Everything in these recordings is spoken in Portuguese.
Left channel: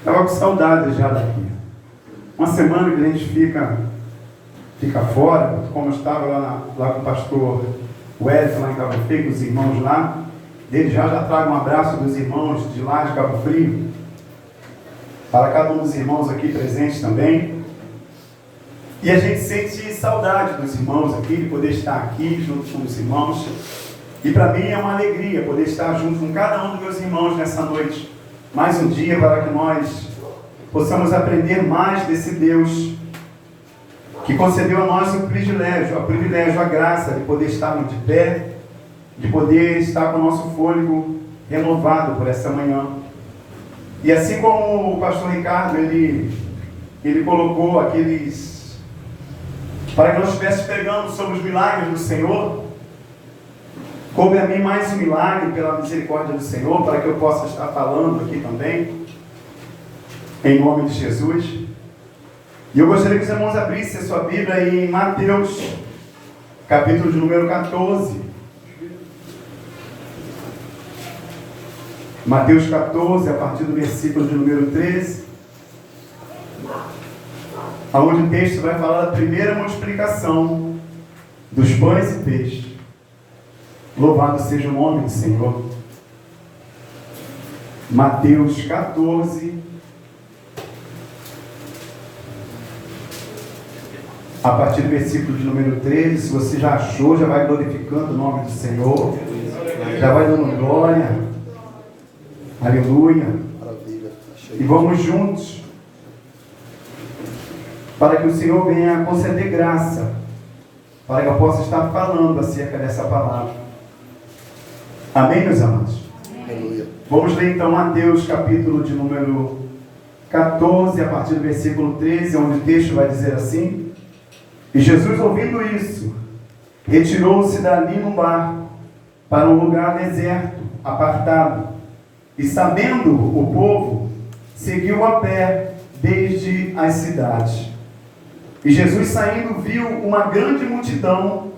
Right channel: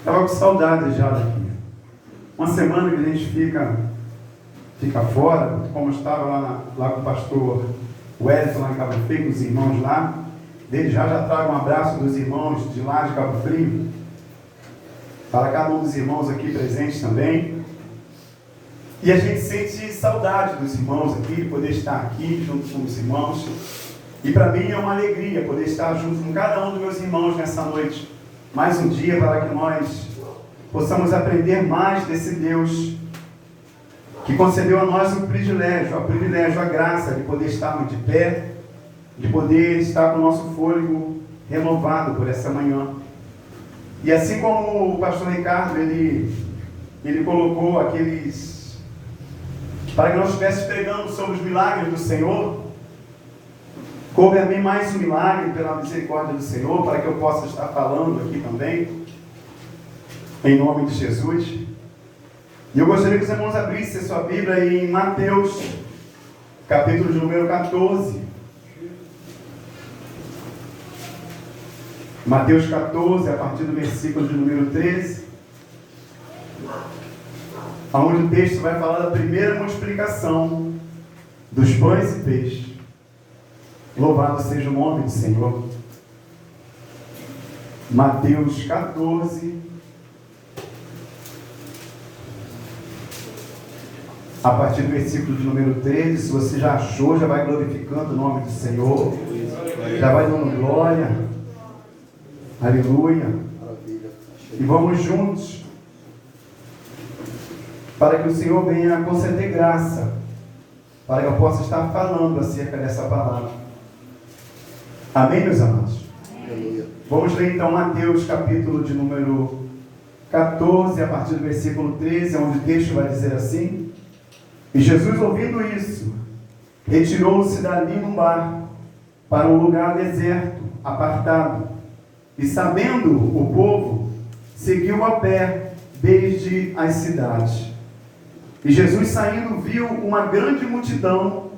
Estava com saudade já daqui. Uma semana que a gente fica fora, como eu estava lá com o pastor Wellington, lá em Cabo Frio, com os irmãos lá. Desde já trago um abraço dos irmãos de lá de Cabo Frio, para cada um dos irmãos aqui presentes também. E a gente sente saudade dos irmãos aqui, de poder estar aqui junto com os irmãos. E para mim é uma alegria poder estar junto com cada um dos meus irmãos nessa noite. Mais um dia para que nós possamos aprender mais desse Deus que concedeu a nós o privilégio, a graça de poder estarmos de pé, de poder estar com o nosso fôlego renovado por essa manhã. E assim como o pastor Ricardo, ele colocou aqueles, para que nós estivéssemos pregando sobre os milagres do Senhor, coube a mim mais um milagre pela misericórdia do Senhor, para que eu possa estar falando aqui também, em nome de Jesus. E eu gostaria que os irmãos abrissem a sua Bíblia em Mateus, capítulo de número 14. Mateus 14, a partir do versículo de número 13, onde o texto vai falar da primeira multiplicação dos pães e peixes. Louvado seja o nome do Senhor. Mateus 14, a partir do versículo de número 13. Se você já achou, já vai glorificando o nome do Senhor, já vai dando glória. Aleluia. E vamos juntos, para que o Senhor venha conceder graça, para que eu possa estar falando acerca dessa palavra. Amém, meus amados? Aleluia. Vamos ler então Mateus capítulo de número 14, a partir do versículo 13, onde o texto vai dizer assim: E Jesus, ouvindo isso, retirou-se dali num barco, para um lugar deserto, apartado. E sabendo o povo, seguiu a pé desde as cidades. E Jesus, saindo, viu uma grande multidão,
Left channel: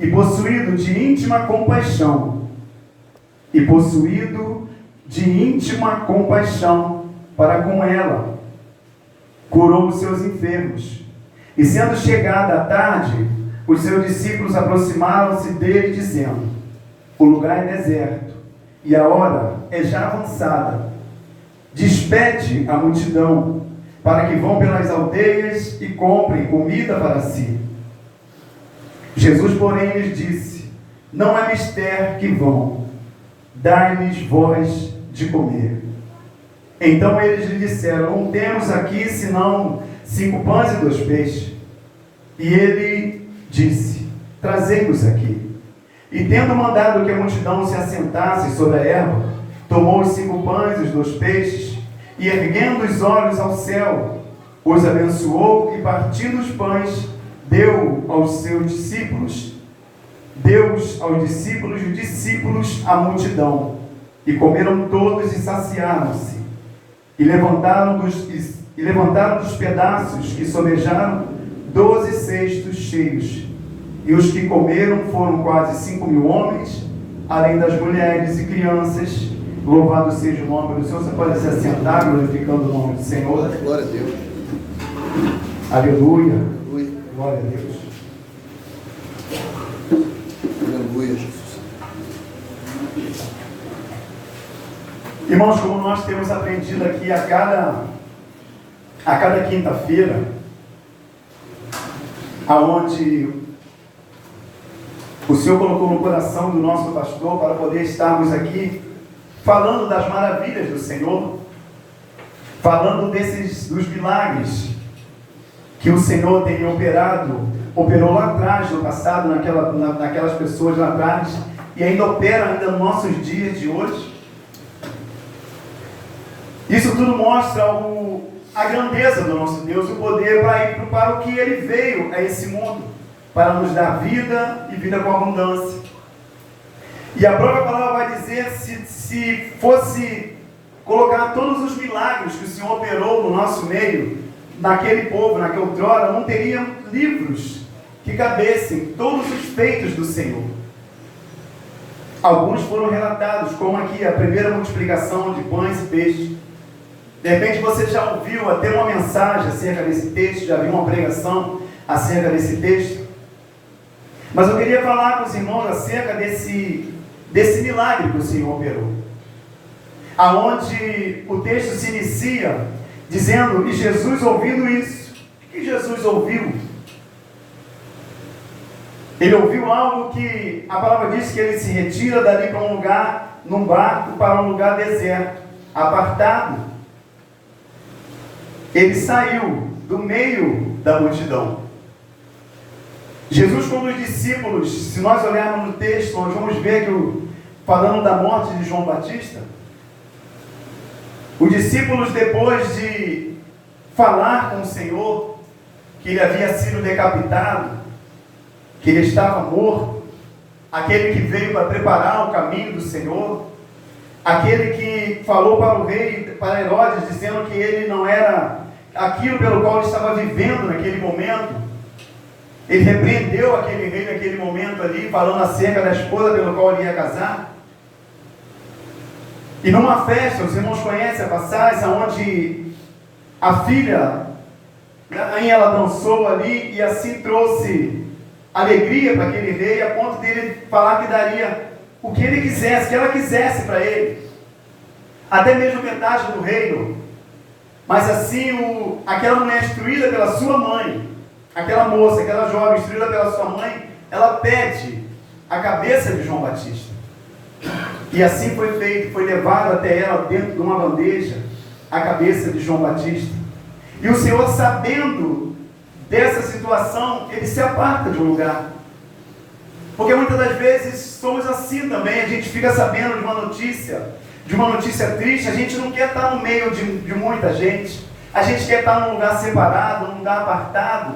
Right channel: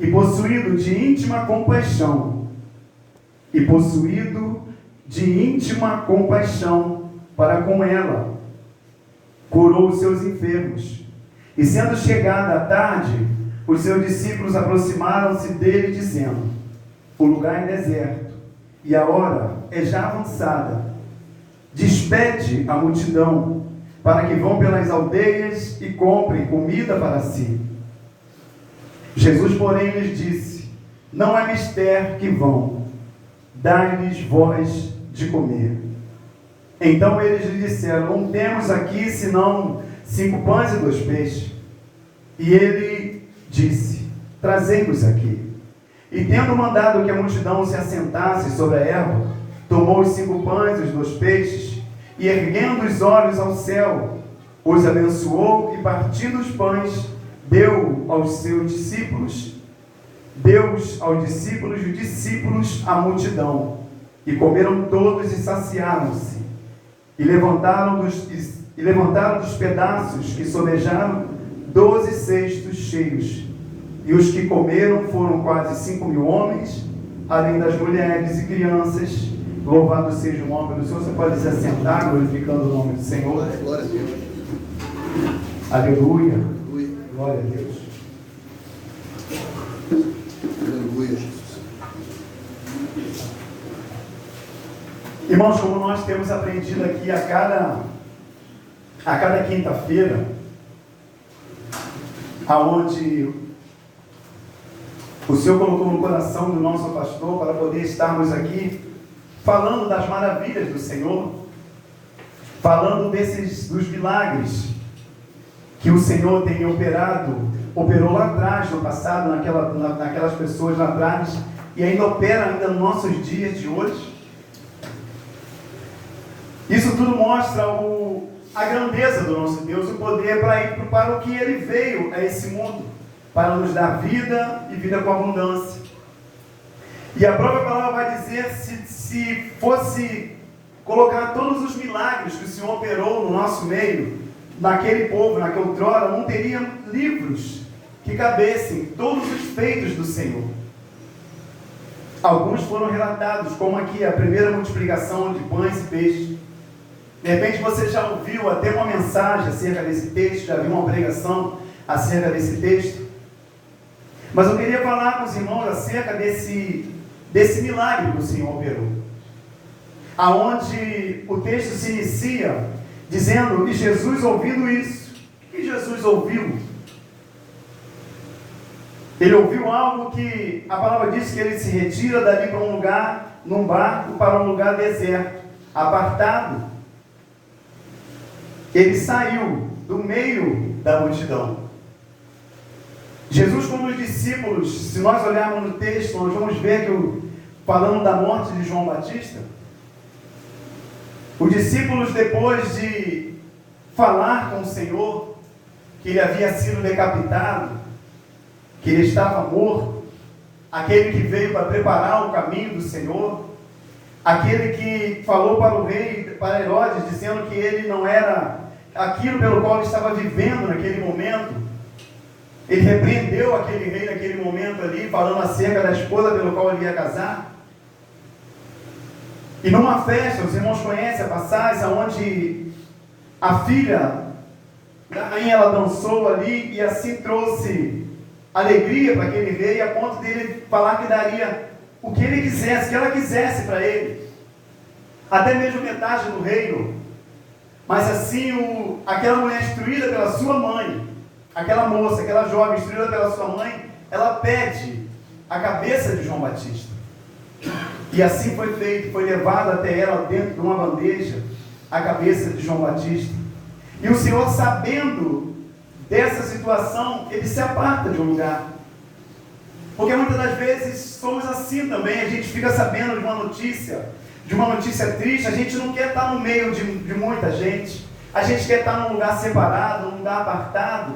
e possuído de íntima compaixão para com ela, curou os seus enfermos. E sendo chegada a tarde, os seus discípulos aproximaram-se dele, dizendo: O lugar é deserto, e a hora é já avançada. Despede a multidão, para que vão pelas aldeias e comprem comida para si. Jesus, porém, lhes disse: Não é mister que vão, dai-lhes vós de comer. Então eles lhe disseram: Não temos aqui senão 5 pães e 2 peixes. E ele disse: Trazei-os aqui. E tendo mandado que a multidão se assentasse sobre a erva, tomou os 5 pães e os 2 peixes, e erguendo os olhos ao céu, os abençoou, e partindo os pães, deu aos discípulos, e os discípulos à multidão. E comeram todos e saciaram-se. E levantaram dos pedaços que sobejaram 12 cestos cheios. E os que comeram foram quase 5.000 homens, além das mulheres e crianças. Louvado seja o nome do Senhor. Você pode se assentar, glorificando o nome do Senhor. Glória a Deus. Aleluia. Glória a Deus. Aleluia, Jesus. Irmãos, como nós temos aprendido aqui a cada quinta-feira, aonde o Senhor colocou no coração do nosso pastor para poder estarmos aqui falando das maravilhas do Senhor, falando dos milagres que o Senhor tem operou lá atrás, no passado, naquelas pessoas lá atrás, e ainda opera ainda nos nossos dias de hoje. Isso tudo mostra a grandeza do nosso Deus, o poder para o que Ele veio a esse mundo, para nos dar vida e vida com abundância. E a própria palavra vai dizer, se fosse colocar todos os milagres que o Senhor operou no nosso meio, naquele povo, naquela outrora, não teria livros que cabessem todos os feitos do Senhor. Alguns foram relatados, como aqui a primeira multiplicação de pães e peixes. De repente você já ouviu até uma mensagem acerca desse texto, já viu uma pregação acerca desse texto. Mas eu queria falar com os irmãos acerca desse milagre que o Senhor operou. Aonde o texto se inicia dizendo, e Jesus ouvindo isso. O que Jesus ouviu? Ele ouviu algo que a palavra diz que ele se retira dali para um lugar, num barco, para um lugar deserto, apartado. Ele saiu do meio da multidão. Jesus, com os discípulos, se nós olharmos no texto, nós vamos ver que, falando da morte de João Batista, os discípulos, depois de falar com o Senhor, que ele havia sido decapitado, que ele estava morto, aquele que veio para preparar o caminho do Senhor, aquele que falou para o rei, para Herodes, dizendo que ele não era aquilo pelo qual ele estava vivendo naquele momento. Ele repreendeu aquele rei naquele momento ali, falando acerca da esposa pelo qual ele ia casar. E numa festa, os irmãos conhecem a passagem, onde a filha da rainha, ela dançou ali e assim trouxe alegria para aquele rei, a ponto de ele falar que daria o que ele quisesse, que ela quisesse para ele, até mesmo metade do reino. Mas assim, aquela mulher instruída pela sua mãe, aquela moça, aquela jovem instruída pela sua mãe, ela pede a cabeça de João Batista. E assim foi feito, foi levado até ela dentro de uma bandeja, a cabeça de João Batista. E o Senhor, sabendo dessa situação, ele se aparta de um lugar. Porque muitas das vezes somos assim também, a gente fica sabendo de uma notícia triste, a gente não quer estar no meio de muita gente, a gente quer estar num lugar separado, num lugar apartado.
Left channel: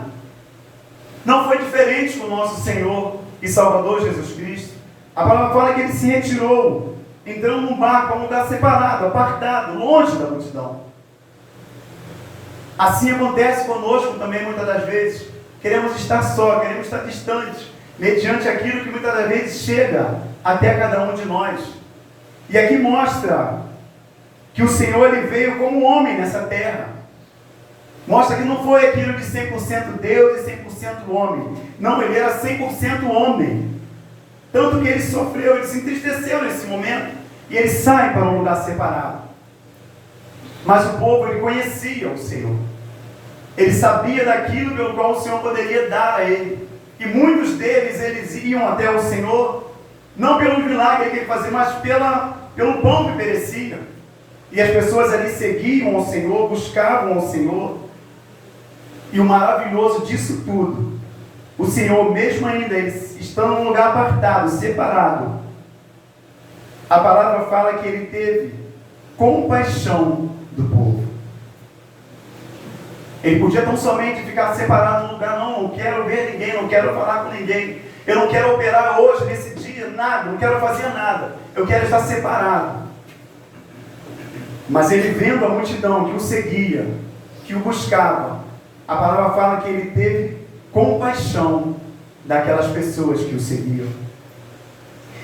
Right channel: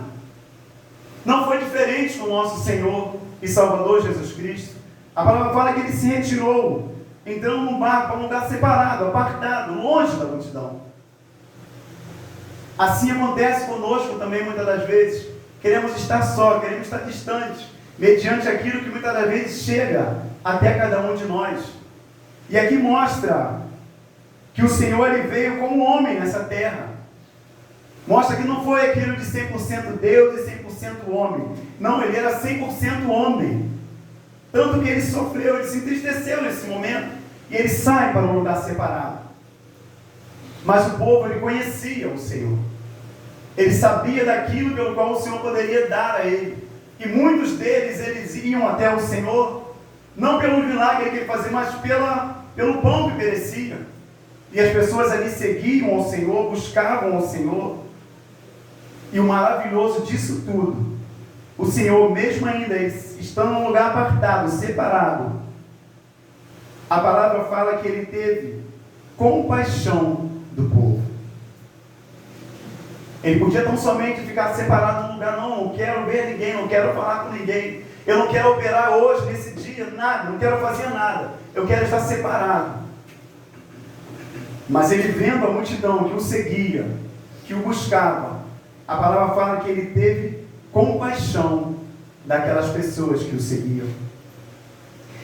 Não foi diferente com o nosso Senhor e Salvador Jesus Cristo. A palavra fala que ele se retirou, entrando num barco para um lugar separado, apartado, longe da multidão. Assim acontece conosco também muitas das vezes. Queremos estar só, queremos estar distantes, mediante aquilo que muitas das vezes chega até cada um de nós. E aqui mostra que o Senhor, ele veio como homem nessa terra. Mostra que não foi aquilo de 100% Deus e 100% homem. Não, ele era 100% homem. Tanto que ele sofreu, ele se entristeceu nesse momento. E ele sai para um lugar separado. Mas o povo, ele conhecia o Senhor. Ele sabia daquilo pelo qual o Senhor poderia dar a ele. E muitos deles, eles iam até o Senhor, não pelo milagre que ele fazia, mas pelo pão que perecia. E as pessoas ali seguiam ao Senhor, buscavam ao Senhor. E o maravilhoso disso tudo, o Senhor, mesmo ainda estando num lugar apartado, separado, a palavra fala que ele teve compaixão do povo. Ele podia tão somente ficar separado num lugar, não quero ver ninguém, não quero falar com ninguém, eu não quero operar hoje, nesse dia, nada, não quero fazer nada, eu quero estar separado. Mas ele, vendo a multidão que o seguia, que o buscava, a palavra fala que ele teve compaixão daquelas pessoas que o seguiam.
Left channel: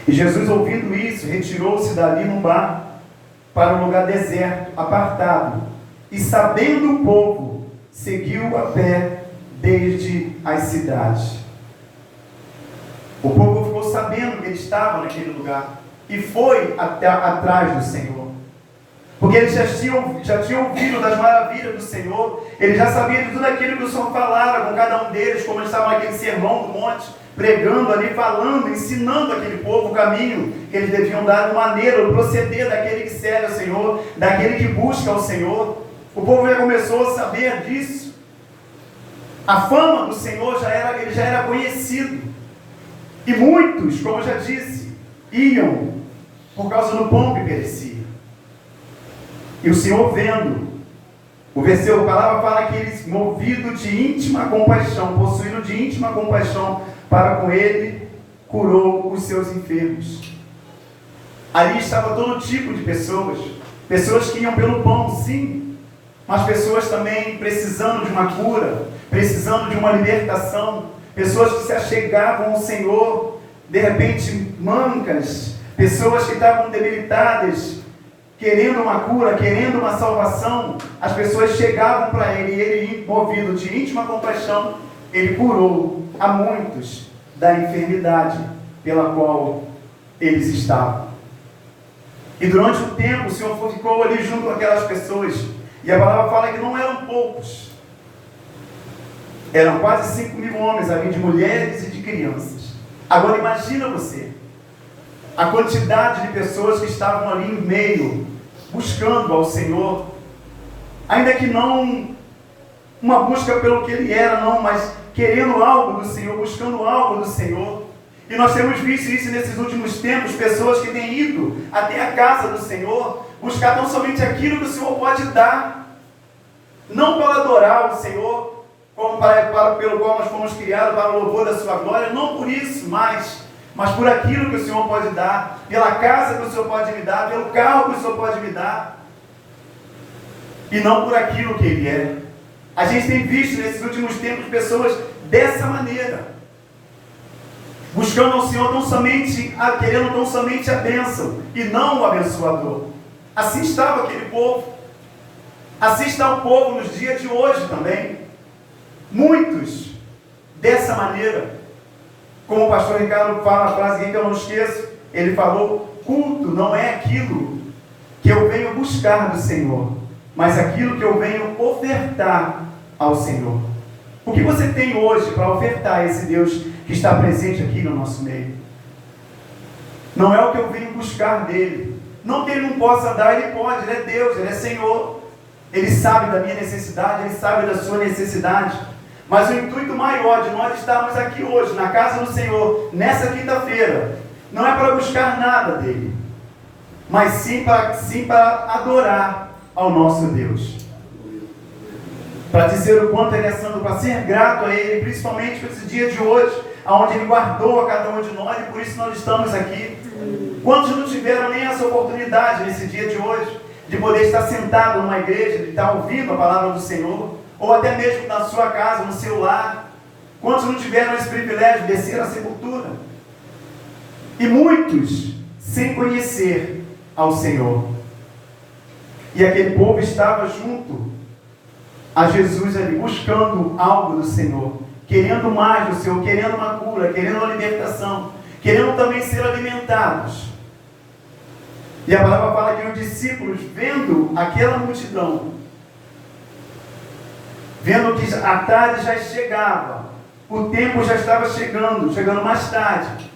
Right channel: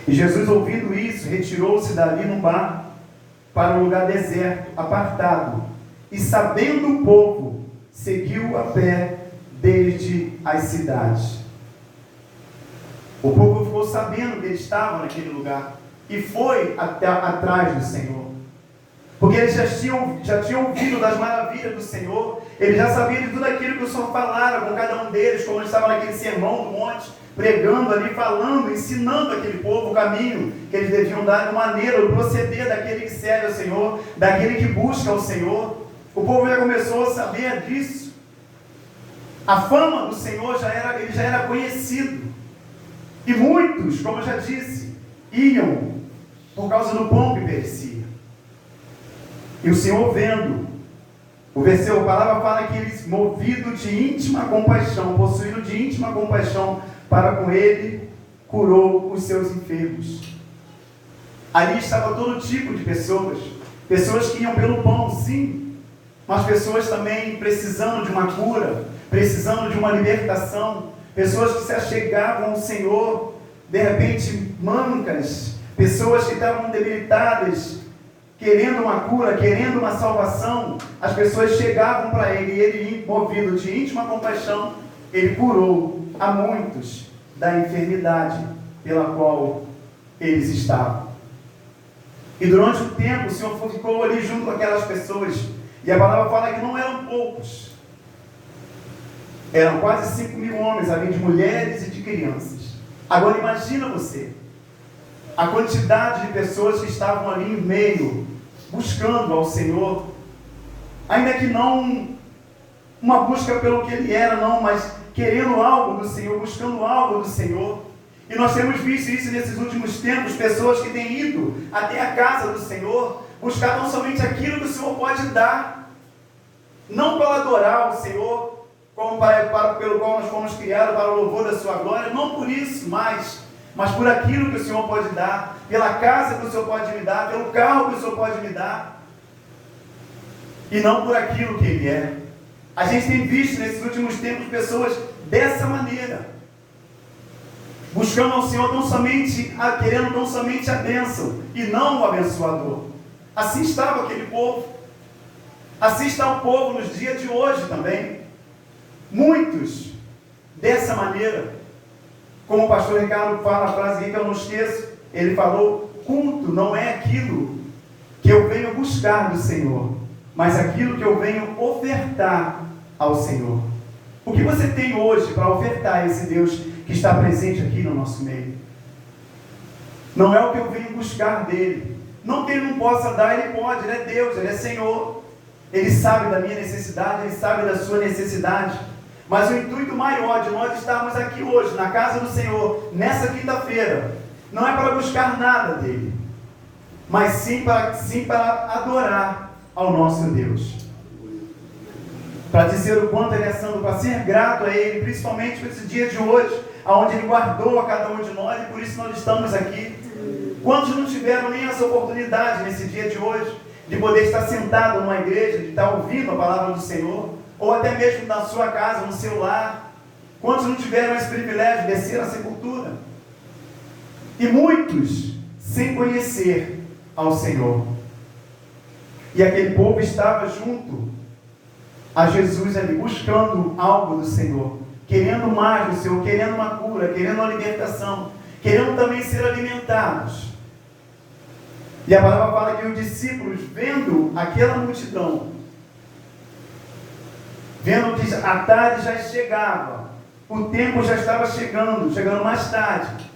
E Jesus, ouvindo isso, retirou-se dali num barco para um lugar deserto, apartado, e sabendo o povo, seguiu a pé desde as cidades. O povo ficou sabendo que ele estava naquele lugar e foi atrás do Senhor. Porque eles já tinham ouvido das maravilhas do Senhor, eles já sabiam de tudo aquilo que o Senhor falara com cada um deles, como eles estavam naquele sermão do monte, pregando ali, falando, ensinando aquele povo o caminho que eles deviam dar, de maneira, o proceder daquele que serve ao Senhor, daquele que busca ao Senhor. O povo já começou a saber disso. A fama do Senhor ele já era conhecido. E muitos, como eu já disse, iam por causa do pão que perecia. E o Senhor, vendo, a palavra fala que ele, movido de íntima compaixão, possuído de íntima compaixão para com ele, curou os seus enfermos. Ali estava todo tipo de pessoas que iam pelo pão, sim, mas pessoas também precisando de uma cura, precisando de uma libertação, pessoas que se achegavam ao Senhor, de repente mancas, pessoas que estavam debilitadas, que querendo uma cura, querendo uma salvação, as pessoas chegavam para ele e ele, movido de íntima compaixão, ele curou a muitos da enfermidade pela qual eles estavam. E durante o tempo o Senhor ficou ali junto com aquelas pessoas, e a palavra fala que não eram poucos, eram quase 5.000 homens, além de mulheres e de crianças. Agora imagina você, a quantidade de pessoas que estavam ali em meio, buscando ao Senhor, ainda que não uma busca pelo que Ele era, não, mas querendo algo do Senhor, buscando algo do Senhor. E nós temos visto isso nesses últimos tempos, pessoas que têm ido até a casa do Senhor, buscar não somente aquilo que o Senhor pode dar, não para adorar o Senhor, como pelo qual nós fomos criados, para o louvor da sua glória, não por isso, mas por aquilo que o Senhor pode dar, pela casa que o Senhor pode me dar, pelo carro que o Senhor pode me dar, e não por aquilo que Ele é. A gente tem visto nesses últimos tempos pessoas dessa maneira, buscando ao Senhor querendo tão somente a bênção, e não o abençoador. Assim estava aquele povo, assim está o povo nos dias de hoje também, muitos dessa maneira. Como o pastor Ricardo fala, a frase que eu não esqueço, ele falou: culto não é aquilo que eu venho buscar do Senhor, mas aquilo que eu venho ofertar ao Senhor. O que você tem hoje para ofertar a esse Deus que está presente aqui no nosso meio? Não é o que eu venho buscar dele. Não que ele não possa dar, ele pode, ele é Deus, ele é Senhor. Ele sabe da minha necessidade, ele sabe da sua necessidade. Mas o intuito maior de nós estarmos aqui hoje, na casa do Senhor, nessa quinta-feira, não é para buscar nada dele, mas sim para adorar ao nosso Deus. Para dizer o quanto Ele é santo, para ser grato a Ele, principalmente por esse dia de hoje, onde Ele guardou a cada um de nós, e por isso nós estamos aqui. Quantos não tiveram nem essa oportunidade nesse dia de hoje, de poder estar sentado numa igreja, de estar ouvindo a palavra do Senhor, ou até mesmo na sua casa, no seu lar? Quantos não tiveram esse privilégio de descer à sepultura? E muitos sem conhecer ao Senhor. E aquele povo estava junto a Jesus ali, buscando algo do Senhor, querendo mais do Senhor, querendo uma cura, querendo uma libertação, querendo também ser alimentados. E a palavra fala que os discípulos, vendo aquela multidão, vendo que a tarde já chegava, o tempo já estava chegando mais tarde,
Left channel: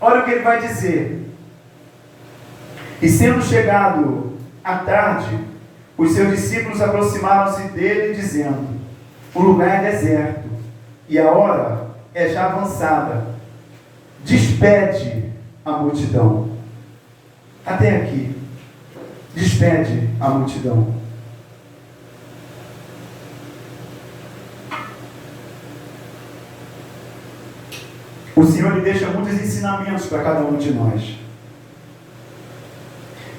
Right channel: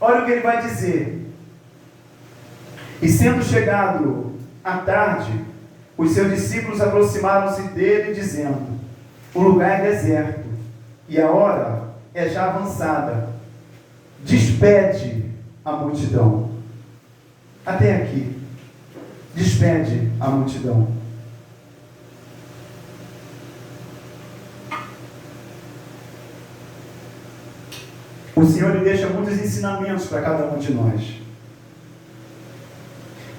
olha o que ele vai dizer: e sendo chegado a tarde, os seus discípulos aproximaram-se dele, dizendo: o lugar é deserto, e a hora é já avançada, despede a multidão. Até aqui, despede a multidão. O Senhor lhe deixa muitos ensinamentos para cada um de nós.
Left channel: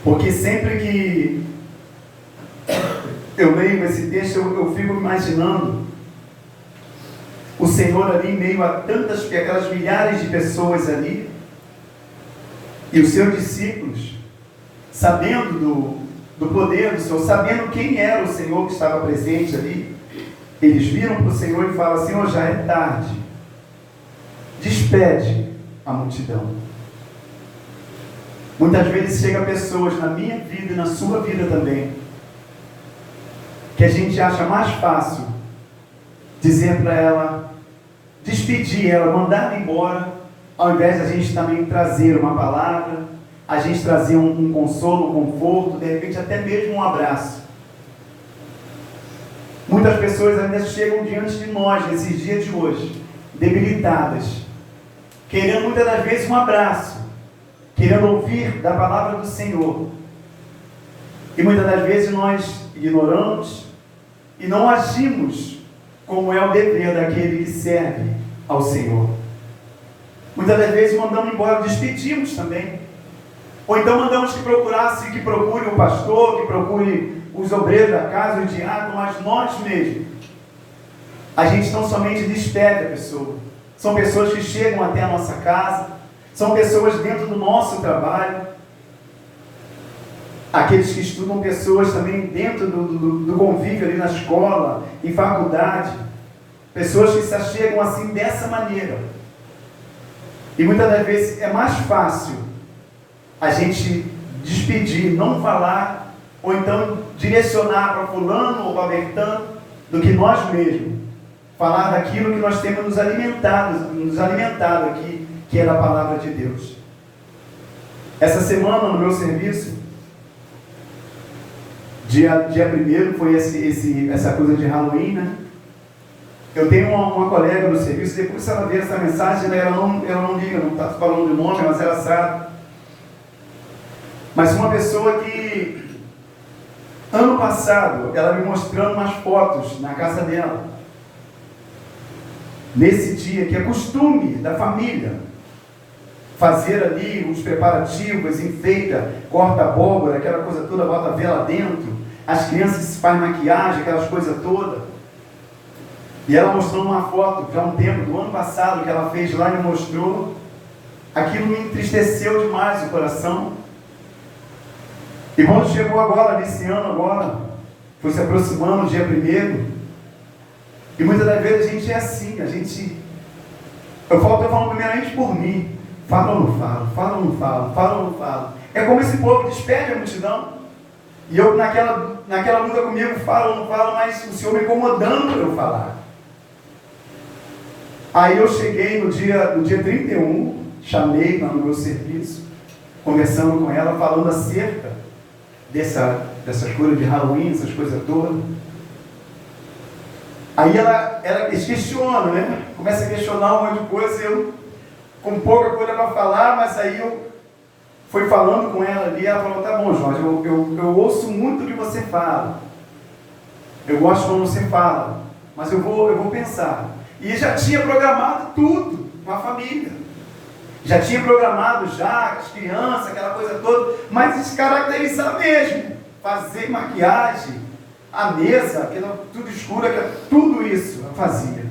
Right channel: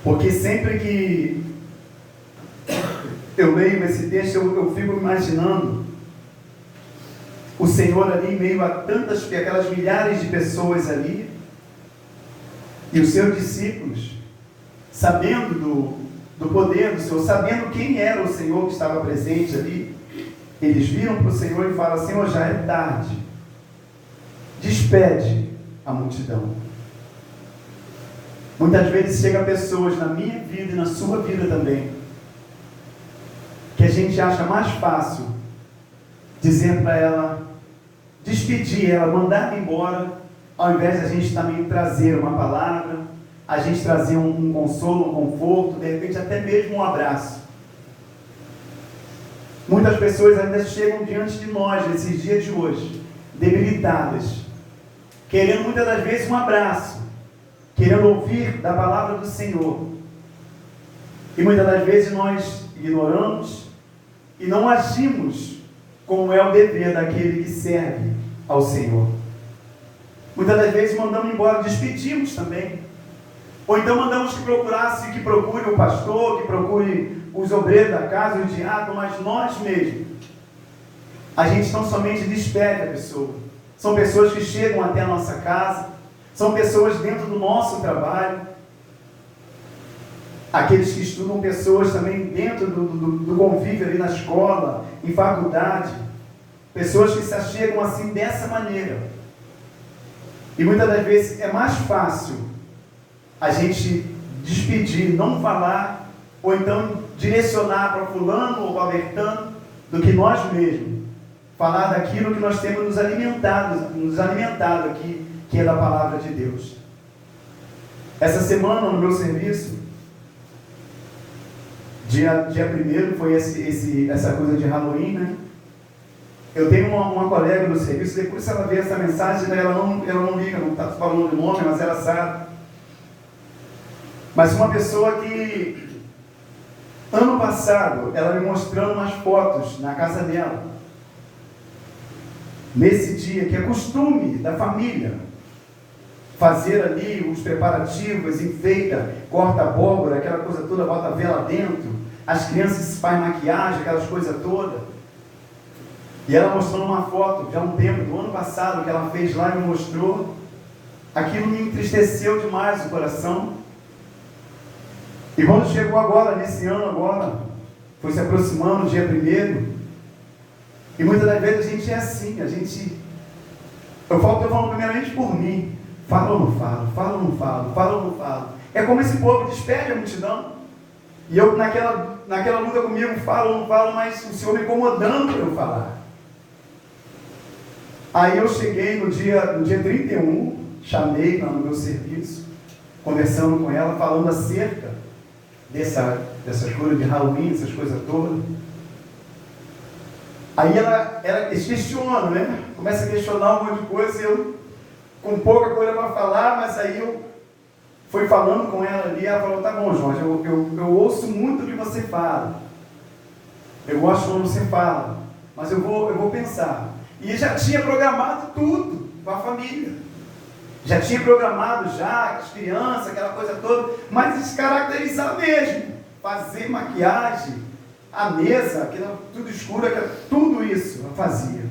Porque sempre que eu leio esse texto, eu fico imaginando o Senhor ali em meio a aquelas milhares de pessoas ali, e os seus discípulos, sabendo do poder do Senhor, sabendo quem era o Senhor que estava presente ali, eles viram para o Senhor e falam: Senhor, já é tarde, despede a multidão. Muitas vezes chegam pessoas na minha vida e na sua vida também, que a gente acha mais fácil dizer para ela, despedir ela, mandar ela embora, ao invés de a gente também trazer uma palavra, a gente trazer um consolo, um conforto, de repente até mesmo um abraço. Muitas pessoas ainda chegam diante de nós nesses dias de hoje, debilitadas, querendo muitas das vezes um abraço, querendo ouvir da palavra do Senhor. E muitas das vezes nós ignoramos e não agimos como é o dever daquele que serve ao Senhor. Muitas das vezes mandamos embora, despedimos também. Ou então mandamos que procure o pastor, que procure os obreiros da casa, o diácono, mas nós mesmos, a gente não somente despede a pessoa. São pessoas que chegam até a nossa casa, são pessoas dentro do nosso trabalho. Aqueles que estudam pessoas também dentro do convívio ali na escola, em faculdade. Pessoas que se achegam assim dessa maneira. E muitas das vezes é mais fácil a gente despedir, não falar, ou então direcionar para fulano ou para Bertano, do que nós mesmos. Falar daquilo que nós temos nos alimentado aqui, que é da palavra de Deus. Essa semana no meu serviço, dia 1º foi essa coisa de Halloween, né? Eu tenho uma colega no serviço, depois se ela ver essa mensagem, ela não liga, não está falando de nome, mas ela sabe. Mas uma pessoa que, ano passado, ela me mostrando umas fotos na casa dela. Nesse dia, que é costume da família, fazer ali os preparativos, enfeita, corta a abóbora, aquela coisa toda, bota a vela dentro, as crianças fazem maquiagem, aquelas coisas todas. E ela mostrou uma foto, já há um tempo, do ano passado, que ela fez lá e me mostrou. Aquilo me entristeceu demais o coração. E quando chegou agora, nesse ano agora, foi se aproximando o dia 1º, e muitas das vezes a gente é assim, eu falo primeiramente por mim, falo ou não falo, falo ou não falo, falo ou não falo. É como esse povo despede a multidão, e eu naquela luta comigo, falo ou não falo, mas o Senhor me incomodando para eu falar. Aí eu cheguei no dia 31, chamei lá no meu serviço, conversando com ela, falando acerca dessas coisas de Halloween, essas coisas todas. Aí ela questiona, né? Começa a questionar um monte de coisa, e eu com pouca coisa para falar, mas aí eu fui falando com ela ali, ela falou, tá bom, Jorge, eu ouço muito o que você fala. Eu gosto quando você fala, mas eu vou pensar. E já tinha programado tudo com a família. Já tinha programado as crianças, aquela coisa toda, mas descaracterizar mesmo. Fazer maquiagem, a mesa, tudo escuro, tudo isso eu fazia.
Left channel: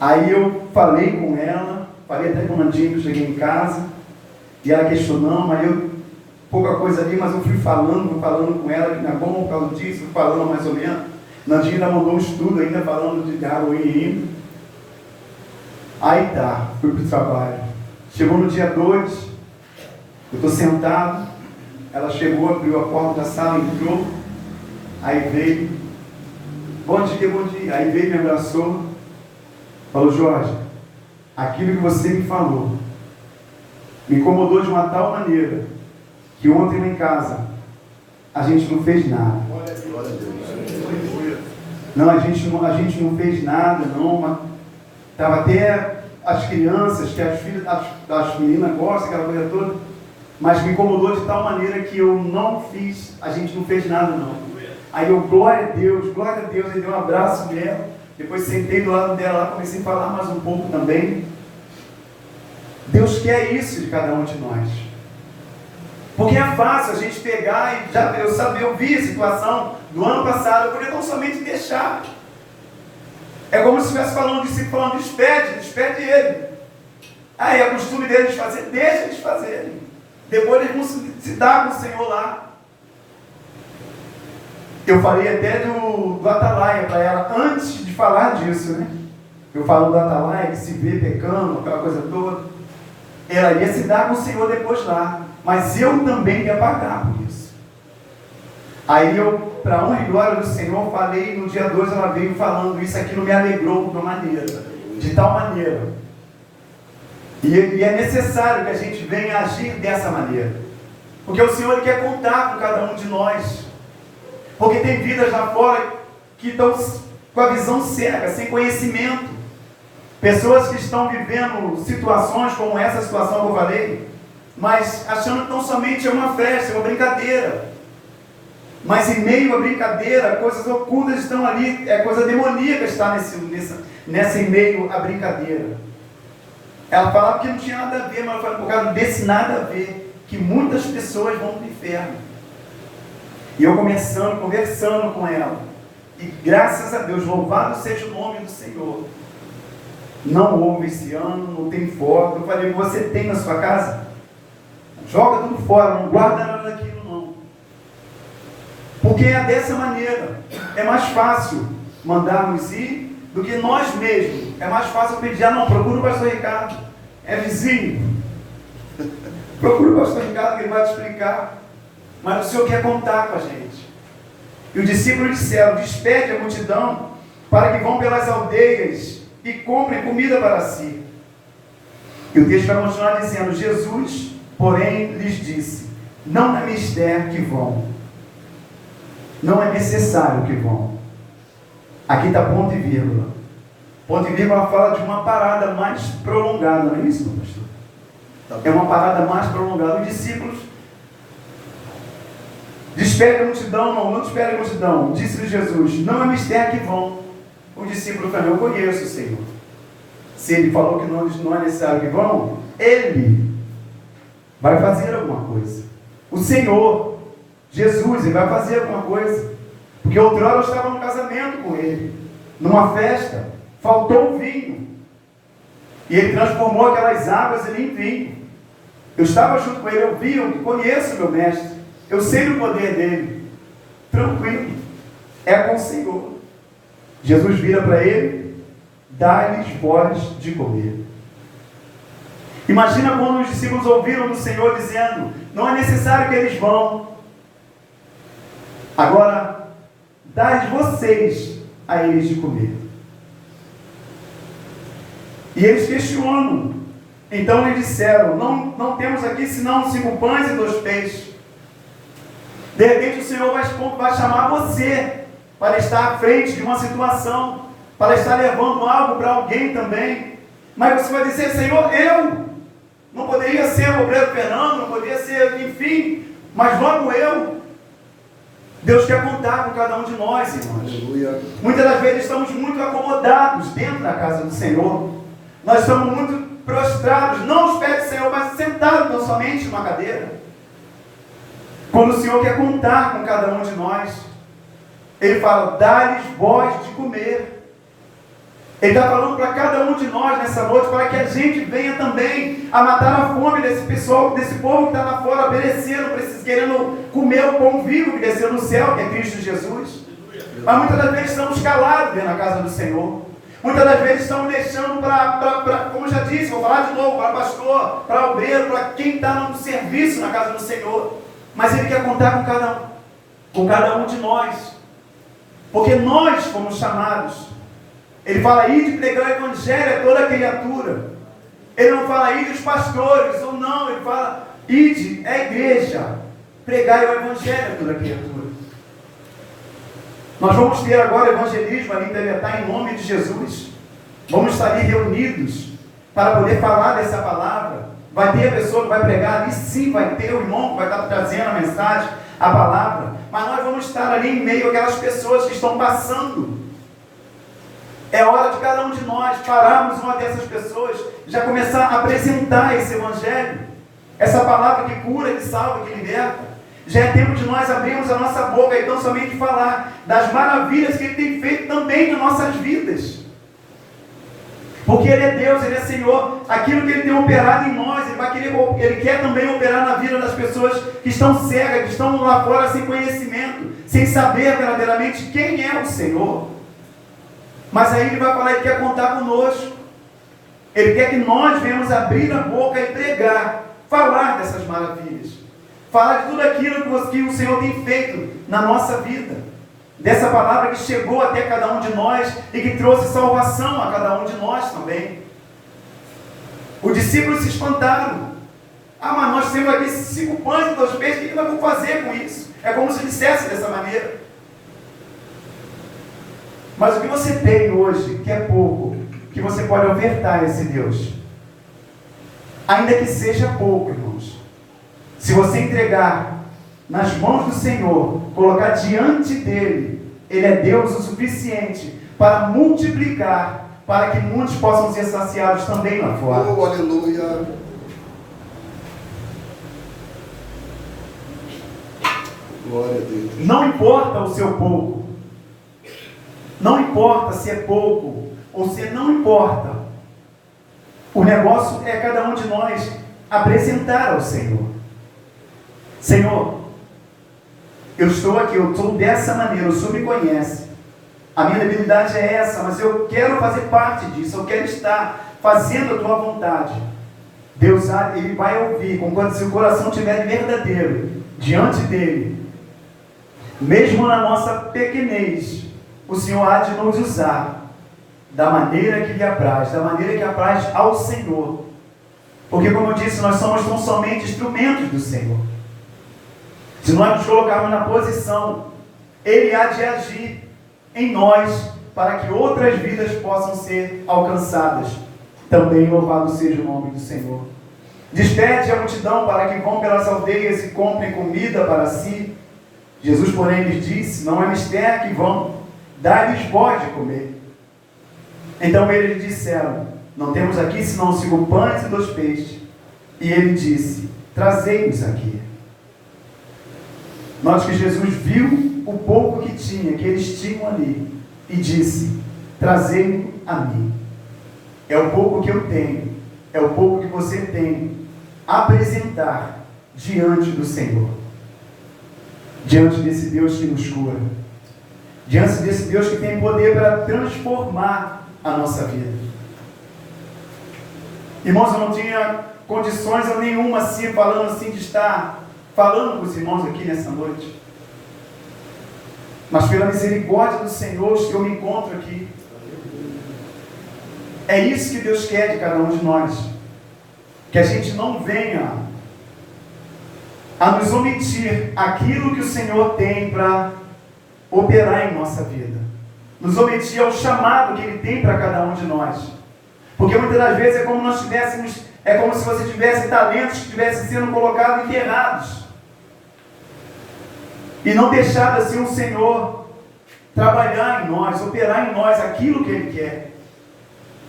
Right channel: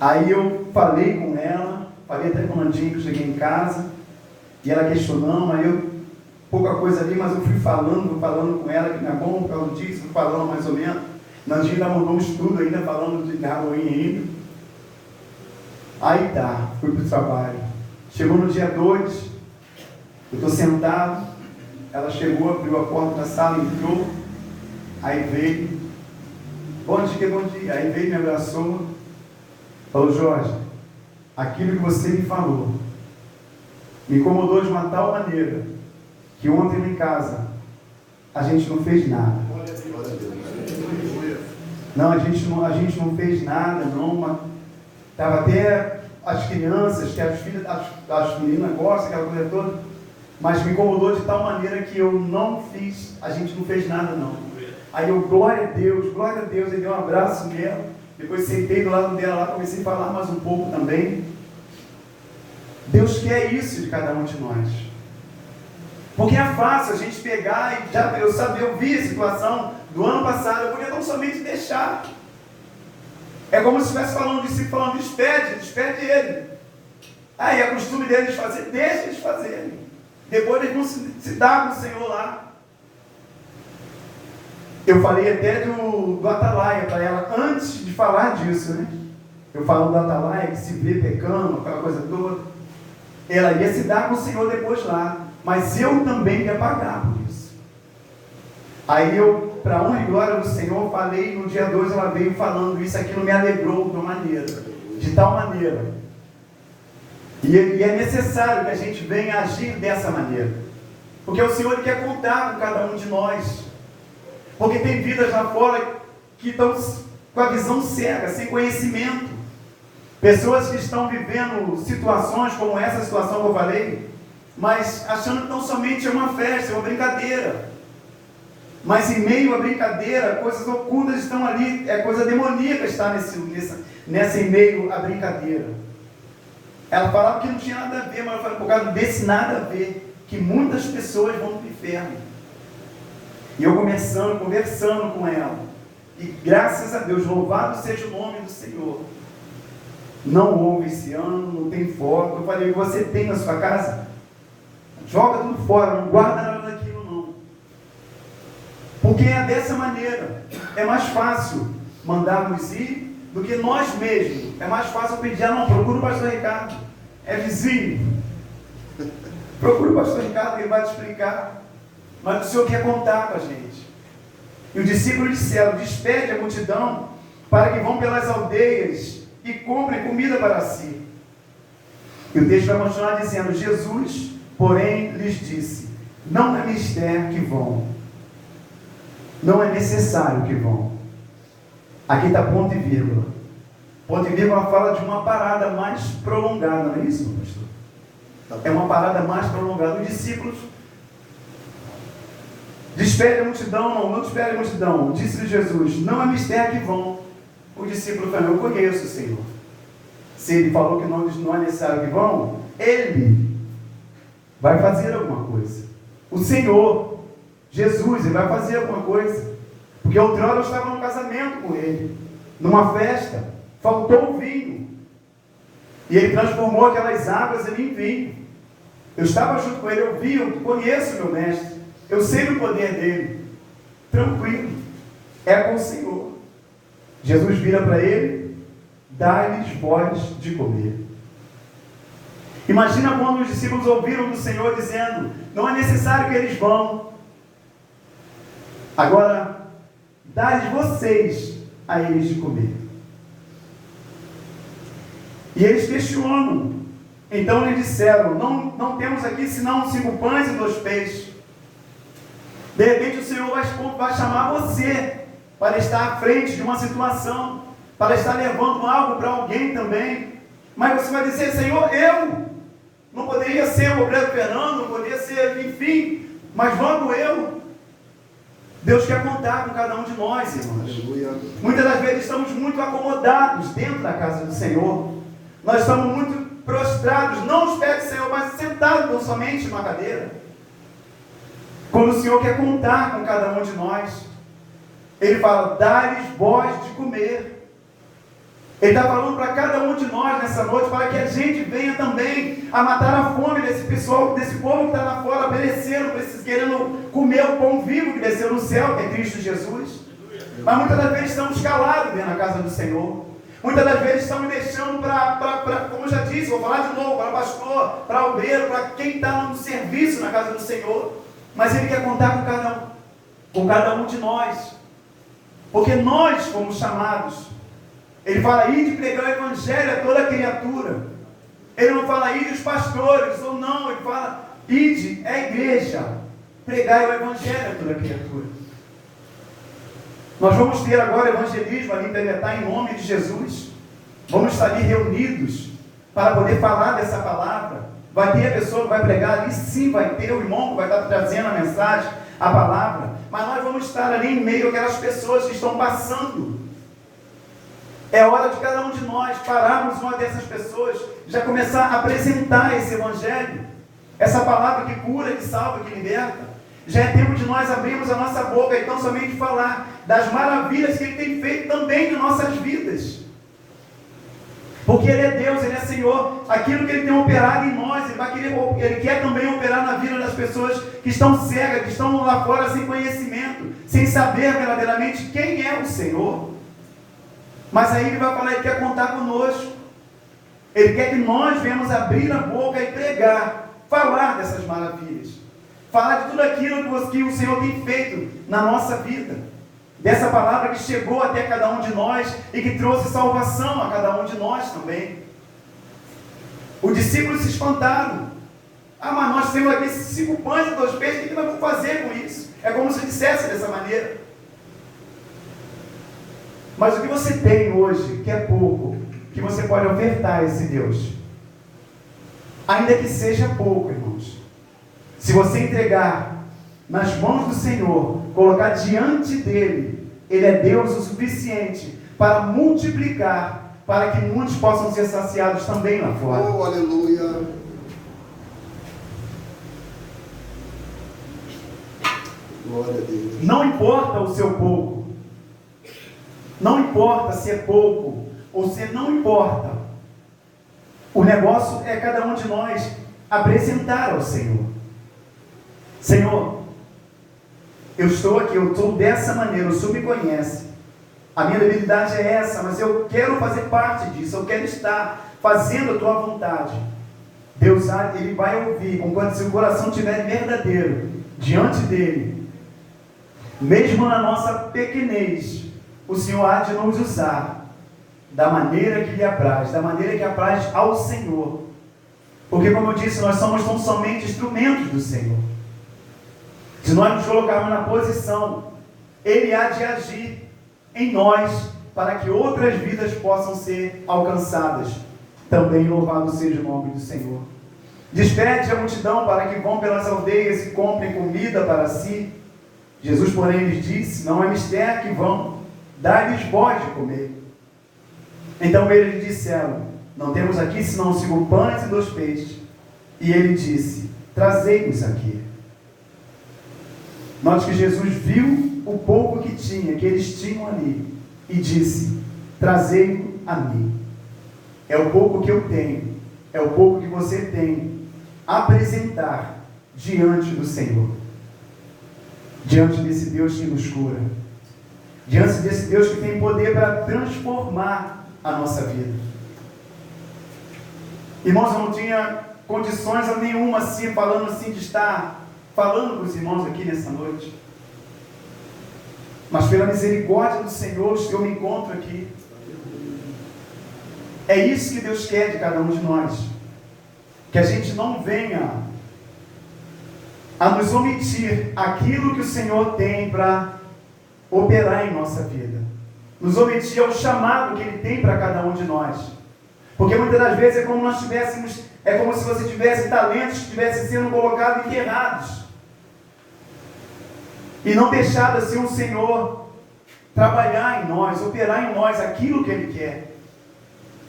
Aí eu falei com ela, falei até com o Nandinho, que eu cheguei em casa, e ela questionando, aí pouca coisa ali, mas eu fui falando com ela, que não é bom por causa disso, fui falando mais ou menos. Nandinho ainda mandou um estudo ainda falando de Halloween ainda. Aí tá, fui para o trabalho. Chegou no dia 2, eu estou sentado, ela chegou, abriu a porta da sala, entrou, aí veio, bom dia, aí veio, me abraçou, falou, Jorge, aquilo que você me falou, me incomodou de uma tal maneira, que ontem lá em casa, a gente não fez nada. Não, a gente não fez nada, não. Estava até as crianças, que as filhas, as meninas gostam, aquela coisa toda, mas me incomodou de tal maneira que eu não fiz, a gente não fez nada, não. Aí eu, glória a Deus, aí dei um abraço nela, depois sentei do lado dela lá, comecei a falar mais um pouco também. Deus quer isso de cada um de nós. Porque é fácil a gente pegar e eu vi a situação do ano passado, eu poderia tão somente deixar. É como se estivesse falando, o discípulo falando, despede ele. Aí é costume deles fazer, deixa eles fazerem. Depois eles vão se dar com o Senhor lá. Eu falei até do Atalaia para ela, antes de falar disso, né? Eu falo do Atalaia, que se vê pecando, aquela coisa toda. Ela ia se dar com o Senhor depois lá. Mas eu também ia pagar por isso. Aí eu, para honra e glória do Senhor, falei, no dia 2 ela veio falando isso, aquilo me alegrou de uma maneira, de tal maneira. E é necessário que a gente venha agir dessa maneira. Porque o Senhor quer contar com cada um de nós. Porque tem vidas lá fora que estão com a visão cega, sem conhecimento. Pessoas que estão vivendo situações como essa situação que eu falei, mas achando que não somente é uma festa, é uma brincadeira. Mas em meio à brincadeira, coisas ocultas estão ali, coisa demoníaca está nessa em meio à brincadeira. Ela falava que não tinha nada a ver, mas ela falou, por causa desse nada a ver, que muitas pessoas vão para o inferno. E eu conversando com ela, e graças a Deus, louvado seja o nome do Senhor. Não houve esse ano, não tem foto. Eu falei, você tem na sua casa? Joga tudo fora, não guarda nada daquilo não. Porque é dessa maneira. É mais fácil mandarmos ir do que nós mesmos. É mais fácil pedir, não, procura o pastor Ricardo. É vizinho. Procura o pastor Ricardo que ele vai te explicar. Mas o Senhor quer contar com a gente. E os discípulos disseram, despede a multidão para que vão pelas aldeias e comprem comida para si. E o texto vai continuar dizendo, Jesus, porém, lhes disse, não é mister que vão. Não é necessário que vão. Aqui está ponto e vírgula. Ponto e vírgula fala de uma parada mais prolongada, não é isso, meu pastor? É uma parada mais prolongada. Os discípulos despede a multidão, não despede a multidão. Disse-lhe Jesus, não é mistério que vão. O discípulo falou, eu conheço o Senhor. Se ele falou que não é necessário que vão, ele vai fazer alguma coisa. O Senhor, Jesus, ele vai fazer alguma coisa. Porque outrora eu estava num casamento com ele, numa festa, faltou o vinho. E ele transformou aquelas águas em vinho. Eu estava junto com ele, eu vi, eu conheço meu mestre. Eu sei o poder dele. Tranquilo. É com o Senhor. Jesus vira para ele, dá-lhes voz de comer. Imagina quando os discípulos ouviram do Senhor dizendo, não é necessário que eles vão. Agora, dá-lhes vocês a eles de comer. E eles questionam. Então lhe disseram, não temos aqui senão 5 pães e 2 peixes. De repente o Senhor vai chamar você para estar à frente de uma situação, para estar levando algo para alguém também. Mas você vai dizer, Senhor, eu não poderia ser o obreiro Fernando, não poderia ser, enfim, mas vamos eu. Deus quer contar com cada um de nós, irmãos. Aleluia. Muitas das vezes estamos muito acomodados dentro da casa do Senhor. Nós estamos muito prostrados, não aos pés do Senhor, mas sentados tão somente numa cadeira. Quando o Senhor quer contar com cada um de nós, Ele fala, dá-lhes voz de comer. Ele está falando para cada um de nós nessa noite, para que a gente venha também a matar a fome desse pessoal, desse povo que está lá fora, perecendo, querendo comer o pão vivo que desceu do céu, que é Cristo Jesus. Mas muitas das vezes estamos calados dentro da casa do Senhor. Muitas das vezes estamos deixando para, como eu já disse, vou falar de novo, para pastor, para obreiro, para quem está no serviço na casa do Senhor. Mas Ele quer contar com cada um de nós. Porque nós fomos chamados. Ele fala, ide pregar o evangelho a toda criatura. Ele não fala, ide os pastores, ou não, ele fala, ide a igreja, pregar o evangelho a toda criatura. Nós vamos ter agora evangelismo ali em Temetá, em nome de Jesus. Vamos estar ali reunidos para poder falar dessa palavra. Vai ter a pessoa que vai pregar ali, sim, vai ter o irmão que vai estar trazendo a mensagem, a palavra. Mas nós vamos estar ali em meio àquelas pessoas que estão passando. É hora de cada um de nós pararmos uma dessas pessoas, já começar a apresentar esse evangelho, essa palavra que cura, que salva, que liberta. Já é tempo de nós abrirmos a nossa boca e então somente falar das maravilhas que Ele tem feito também nas nossas vidas. Porque Ele é Deus, Ele é Senhor. Aquilo que Ele tem operado em nós, Ele quer também operar na vida das pessoas que estão cegas, que estão lá fora sem conhecimento, sem saber verdadeiramente quem é o Senhor. Mas aí Ele vai falar, Ele quer contar conosco. Ele quer que nós venhamos abrir a boca e pregar, falar dessas maravilhas. Falar de tudo aquilo que o Senhor tem feito na nossa vida. Dessa palavra que chegou até cada um de nós e que trouxe salvação a cada um de nós também. Os discípulos se espantaram. Ah, mas nós temos aqui 5 pães e 2 peixes, o que nós vamos fazer com isso? É como se dissesse dessa maneira. Mas o que você tem hoje, que é pouco, que você pode ofertar a esse Deus, ainda que seja pouco, irmãos, se você entregar nas mãos do Senhor, colocar diante dele, Ele é Deus o suficiente para multiplicar, para que muitos possam ser saciados também lá fora. Oh, aleluia. Glória a Deus. Não importa o seu pouco, não importa se é pouco ou se não importa, o negócio é cada um de nós apresentar ao Senhor. Senhor, eu estou aqui, eu estou dessa maneira, o Senhor me conhece. A minha debilidade é essa, mas eu quero fazer parte disso, eu quero estar fazendo a tua vontade. Deus, Ele vai ouvir, conquanto se o coração estiver verdadeiro diante dEle, mesmo na nossa pequenez, o Senhor há de nos usar da maneira que lhe apraz, da maneira que apraz ao Senhor. Porque, como eu disse, nós somos tão somente instrumentos do Senhor. Se nós nos colocarmos na posição, Ele há de agir em nós, para que outras vidas possam ser alcançadas. Também louvado seja o nome do Senhor. Despede a multidão para que vão pelas aldeias e comprem comida para si. Jesus, porém, lhes disse: não é mister que vão, dá-lhes vós de comer. Então eles disseram: não temos aqui senão 5 pães e 2 peixes. E ele disse: trazei-nos aqui. Note que Jesus viu o pouco que tinha, que eles tinham ali, e disse: trazei-o a mim. É o pouco que eu tenho, é o pouco que você tem, apresentar diante do Senhor, diante desse Deus que nos cura, diante desse Deus que tem poder para transformar a nossa vida. Irmãos, eu não tinha condições nenhuma assim, falando assim, de estar falando com os irmãos aqui nessa noite. Mas pela misericórdia do Senhor, eu me encontro aqui. É isso que Deus quer de cada um de nós. Que a gente não venha a nos omitir aquilo que o Senhor tem para operar em nossa vida. Nos omitir ao chamado que Ele tem para cada um de nós. Porque muitas das vezes é como nós tivéssemos, é como se você tivesse talentos que estivessem sendo colocados enterrados. E não deixado assim o Senhor trabalhar em nós, operar em nós aquilo que Ele quer.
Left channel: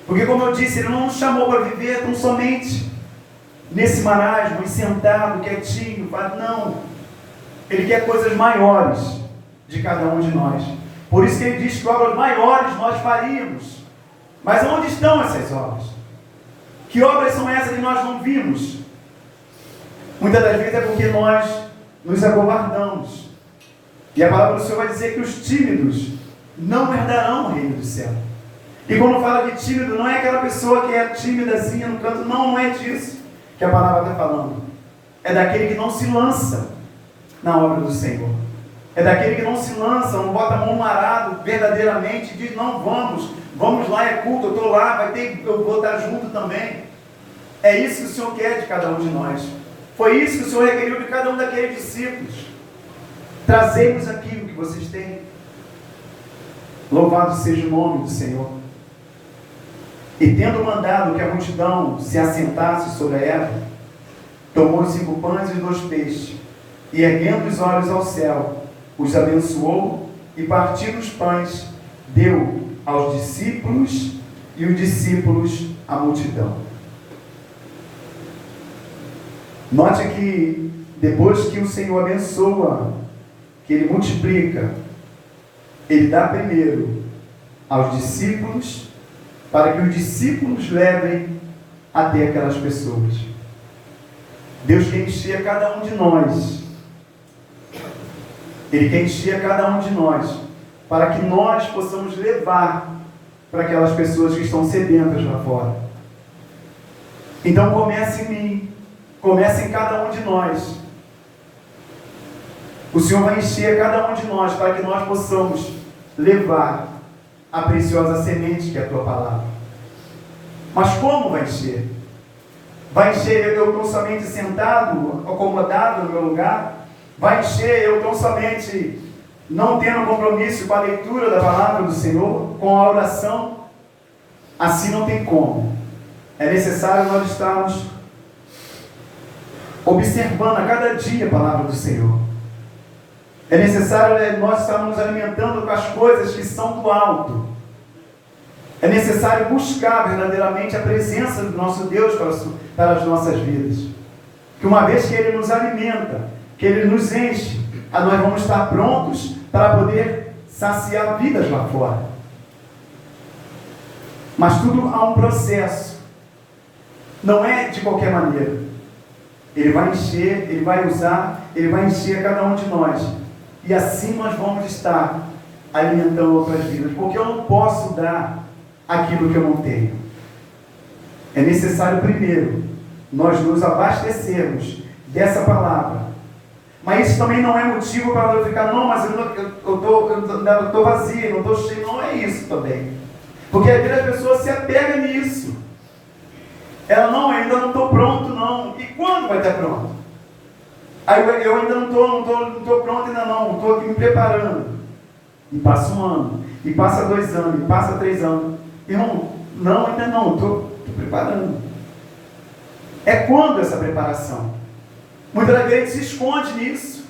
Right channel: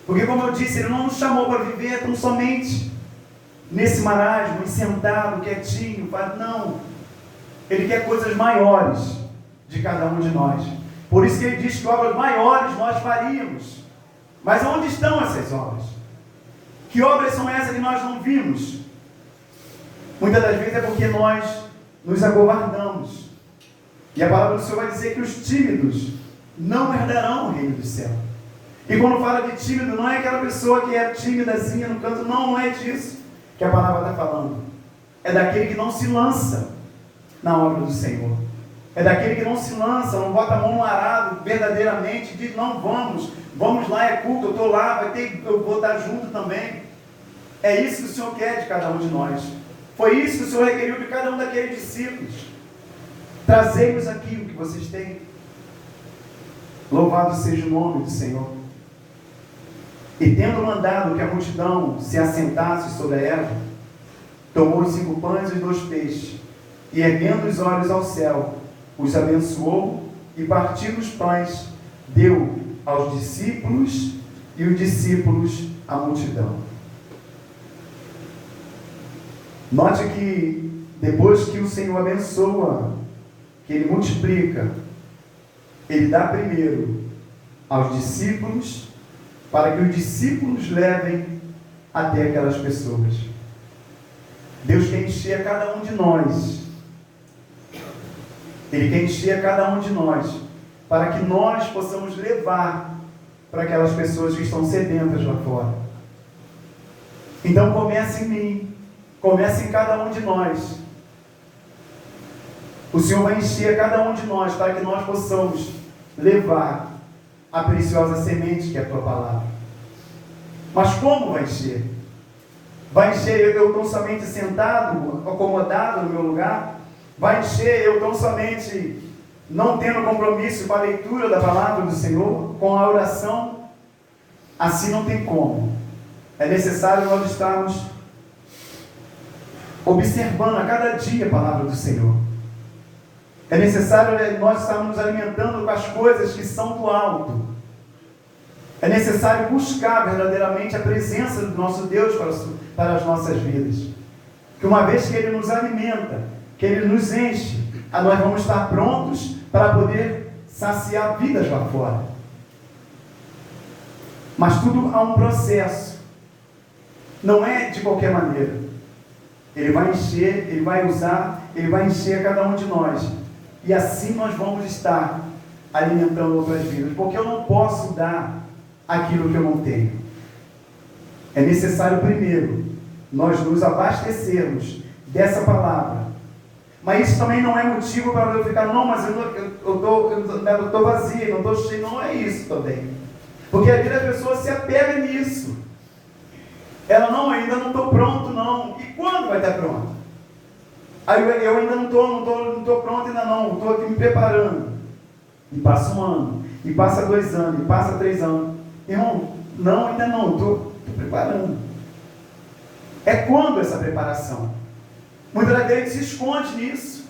Porque, como eu disse, Ele não nos chamou para viver tão somente nesse marasmo, sentado, quietinho, não. Ele quer coisas maiores de cada um de nós. Por isso que Ele diz que obras maiores nós faríamos. Mas onde estão essas obras? Que obras são essas que nós não vimos? Muitas das vezes é porque nós nos acovardamos. E a palavra do Senhor vai dizer que os tímidos não herdarão o reino do céu. E quando fala de tímido, não é aquela pessoa que é tímidazinha no canto, não é disso que a palavra está falando. É daquele que não se lança na obra do Senhor. É daquele que não se lança, não bota a mão no arado verdadeiramente, e diz: não, vamos lá, é culto, eu estou lá, eu vou estar junto também. É isso que o Senhor quer de cada um de nós. Foi isso que o Senhor requeriu de cada um daqueles discípulos. Trazei-nos aquilo que vocês têm. Louvado seja o nome do Senhor. E tendo mandado que a multidão se assentasse sobre a erva, tomou os 5 pães e os 2 peixes, e erguendo os olhos ao céu, os abençoou, e partindo os pães, deu aos discípulos, e os discípulos à multidão. Note que depois que o Senhor abençoa, que Ele multiplica, Ele dá primeiro aos discípulos, para que os discípulos levem até aquelas pessoas. Deus quer encher cada um de nós. Ele quer encher cada um de nós, para que nós possamos levar para aquelas pessoas que estão sedentas lá fora. Então comece em mim, comece em cada um de nós. O Senhor vai encher cada um de nós, para que nós possamos levar a preciosa semente que é a tua palavra. Mas como vai encher? Vai encher eu tão somente sentado, acomodado no meu lugar? Vai encher eu tão somente não tendo compromisso com a leitura da palavra do Senhor, com a oração? Assim não tem como. É necessário nós estarmos observando a cada dia a palavra do Senhor. É necessário nós estarmos nos alimentando com as coisas que são do alto. É necessário buscar verdadeiramente a presença do nosso Deus para as nossas vidas. Que uma vez que Ele nos alimenta, que Ele nos enche, nós vamos estar prontos para poder saciar vidas lá fora. Mas tudo há um processo. Não é de qualquer maneira. Ele vai encher, Ele vai usar, Ele vai encher a cada um de nós. E assim nós vamos estar alimentando outras vidas. Porque eu não posso dar aquilo que eu não tenho. É necessário primeiro nós nos abastecermos dessa palavra. Mas isso também não é motivo para eu ficar, não, mas eu estou vazio, não estou cheio. Não é isso também. Porque às vezes a pessoa se apega nisso. Ela, não, ainda não estou pronto, não. E quando vai estar pronto? Aí eu ainda não estou pronto, ainda não. Estou aqui me preparando. E passa 1 ano. E passa 2 anos. E passa 3 anos. E não, ainda não. Estou preparando. É quando essa preparação? Muitas das vezes a gente se esconde nisso.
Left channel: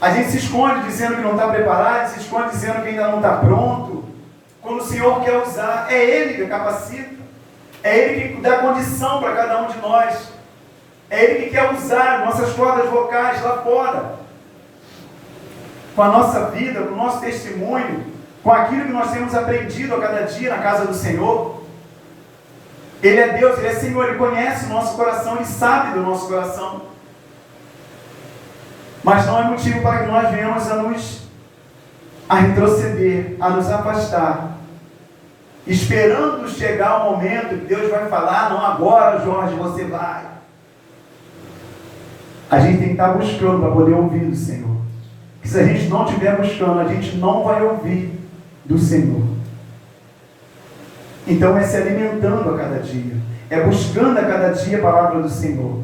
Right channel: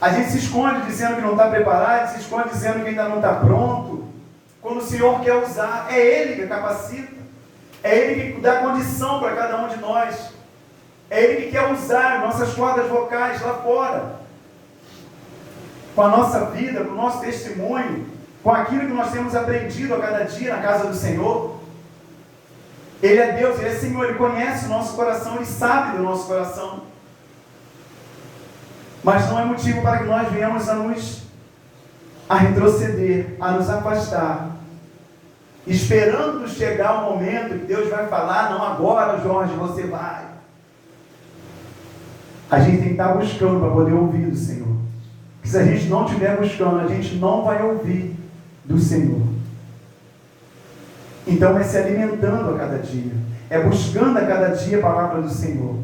A gente se esconde dizendo que não está preparado, se esconde dizendo que ainda não está pronto. Quando o Senhor quer usar, é Ele que capacita. É Ele que dá condição para cada um de nós. É Ele que quer usar nossas cordas vocais lá fora. Com a nossa vida, com o nosso testemunho, com aquilo que nós temos aprendido a cada dia na casa do Senhor. Ele é Deus, Ele é Senhor, Ele conhece o nosso coração, Ele sabe do nosso coração. Mas não é motivo para que nós venhamos a retroceder, a nos afastar, esperando chegar o momento que Deus vai falar, não agora, Jorge, você vai. A gente tem que estar buscando para poder ouvir do Senhor. Porque se a gente não estiver buscando, a gente não vai ouvir do Senhor. Então é se alimentando a cada dia, é buscando a cada dia a palavra do Senhor,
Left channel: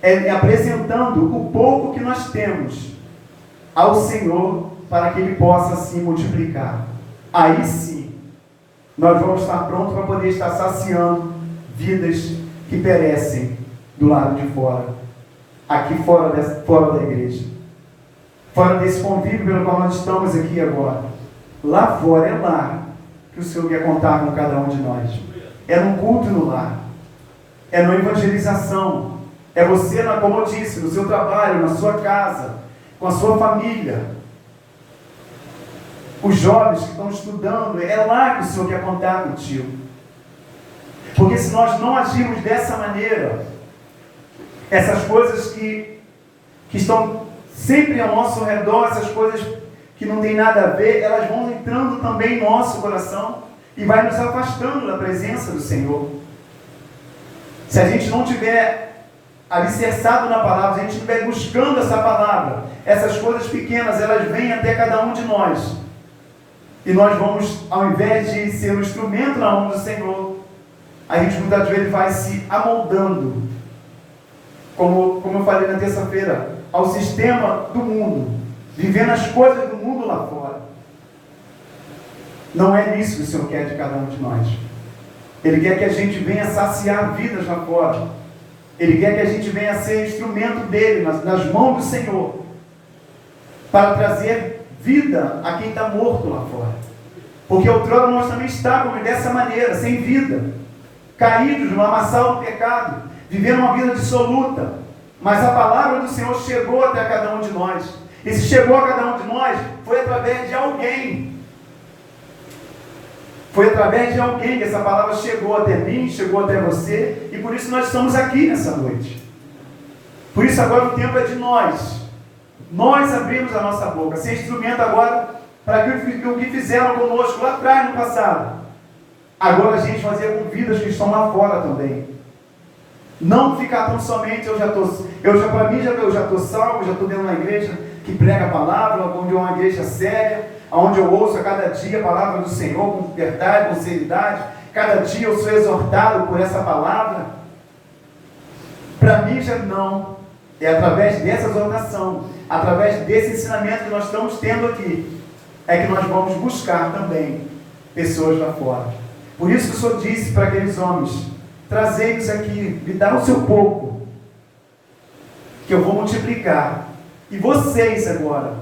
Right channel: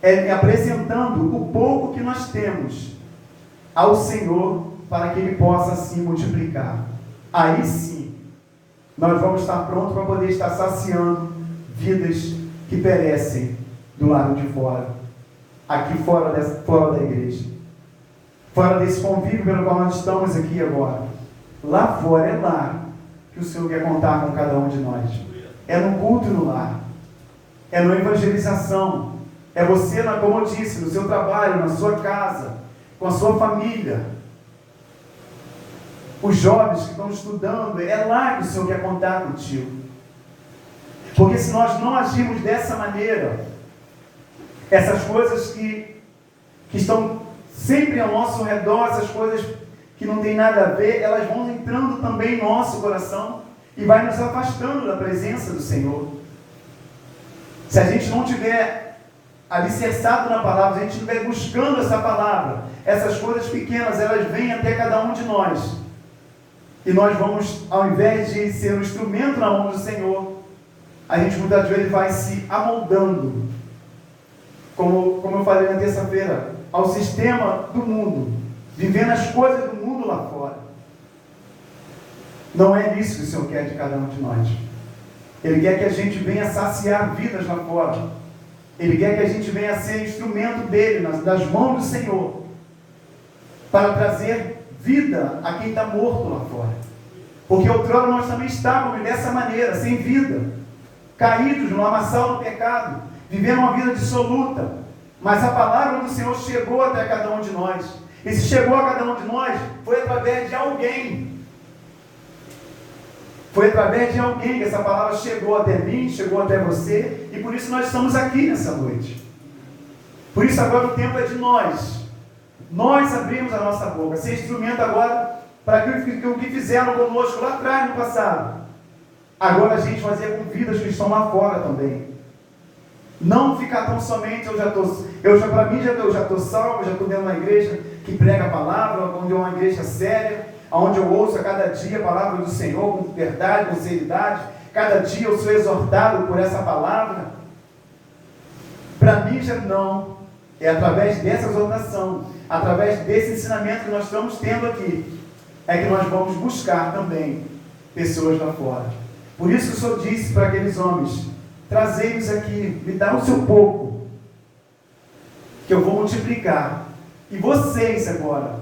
é apresentando o pouco que nós temos ao Senhor para que Ele possa assim multiplicar. Aí sim, nós vamos estar prontos para poder estar saciando vidas que perecem do lado de fora, aqui fora da igreja, fora desse convívio pelo qual nós estamos aqui agora. Lá fora é lá que o Senhor quer contar com cada um de nós. É no culto no lar, é na evangelização, é você, como eu disse, no seu trabalho, na sua casa, com a sua família. Os jovens que estão estudando, é lá que o Senhor quer contar contigo. Porque se nós não agirmos dessa maneira, essas coisas que estão sempre ao nosso redor, essas coisas que não tem nada a ver, elas vão entrando também em nosso coração e vai nos afastando da presença do Senhor. Se a gente não tiver alicerçado na palavra, se a gente estiver buscando essa palavra, essas coisas pequenas, elas vêm até cada um de nós. E nós vamos, ao invés de ser um instrumento na mão do Senhor, a gente muitas vezes vai se amoldando, como eu falei na terça-feira, ao sistema do mundo, vivendo as coisas do mundo lá fora. Não é isso que o Senhor quer de cada um de nós. Ele quer que a gente venha saciar vidas lá fora. Ele quer que a gente venha ser instrumento dele, nas mãos do Senhor, para trazer vida a quem está morto lá fora. Porque outrora nós também estávamos dessa maneira, sem vida, caídos no lamaçal do pecado, vivendo uma vida dissoluta. Mas a palavra do Senhor chegou até cada um de nós. E se chegou a cada um de nós, foi através de alguém. Foi através de alguém que essa palavra chegou até mim, chegou até você, e por isso nós estamos aqui nessa noite. Por isso agora o tempo é de nós. Nós abrimos a nossa boca, ser instrumento agora para o que fizeram conosco lá atrás no passado. Agora a gente fazer com vidas que estão lá fora também. Não ficar tão somente, eu já estou salvo, já estou dentro de uma igreja que prega a palavra, onde é uma igreja séria, onde eu ouço a cada dia a palavra do Senhor com verdade, com seriedade. Cada dia eu sou exortado por essa palavra. Para mim já não. É através dessa exortação, através desse ensinamento que nós estamos tendo aqui, é que nós vamos buscar também pessoas lá fora. Por isso que o Senhor disse para aqueles homens: trazei-os aqui, me dá o seu pouco, que eu vou multiplicar. E vocês agora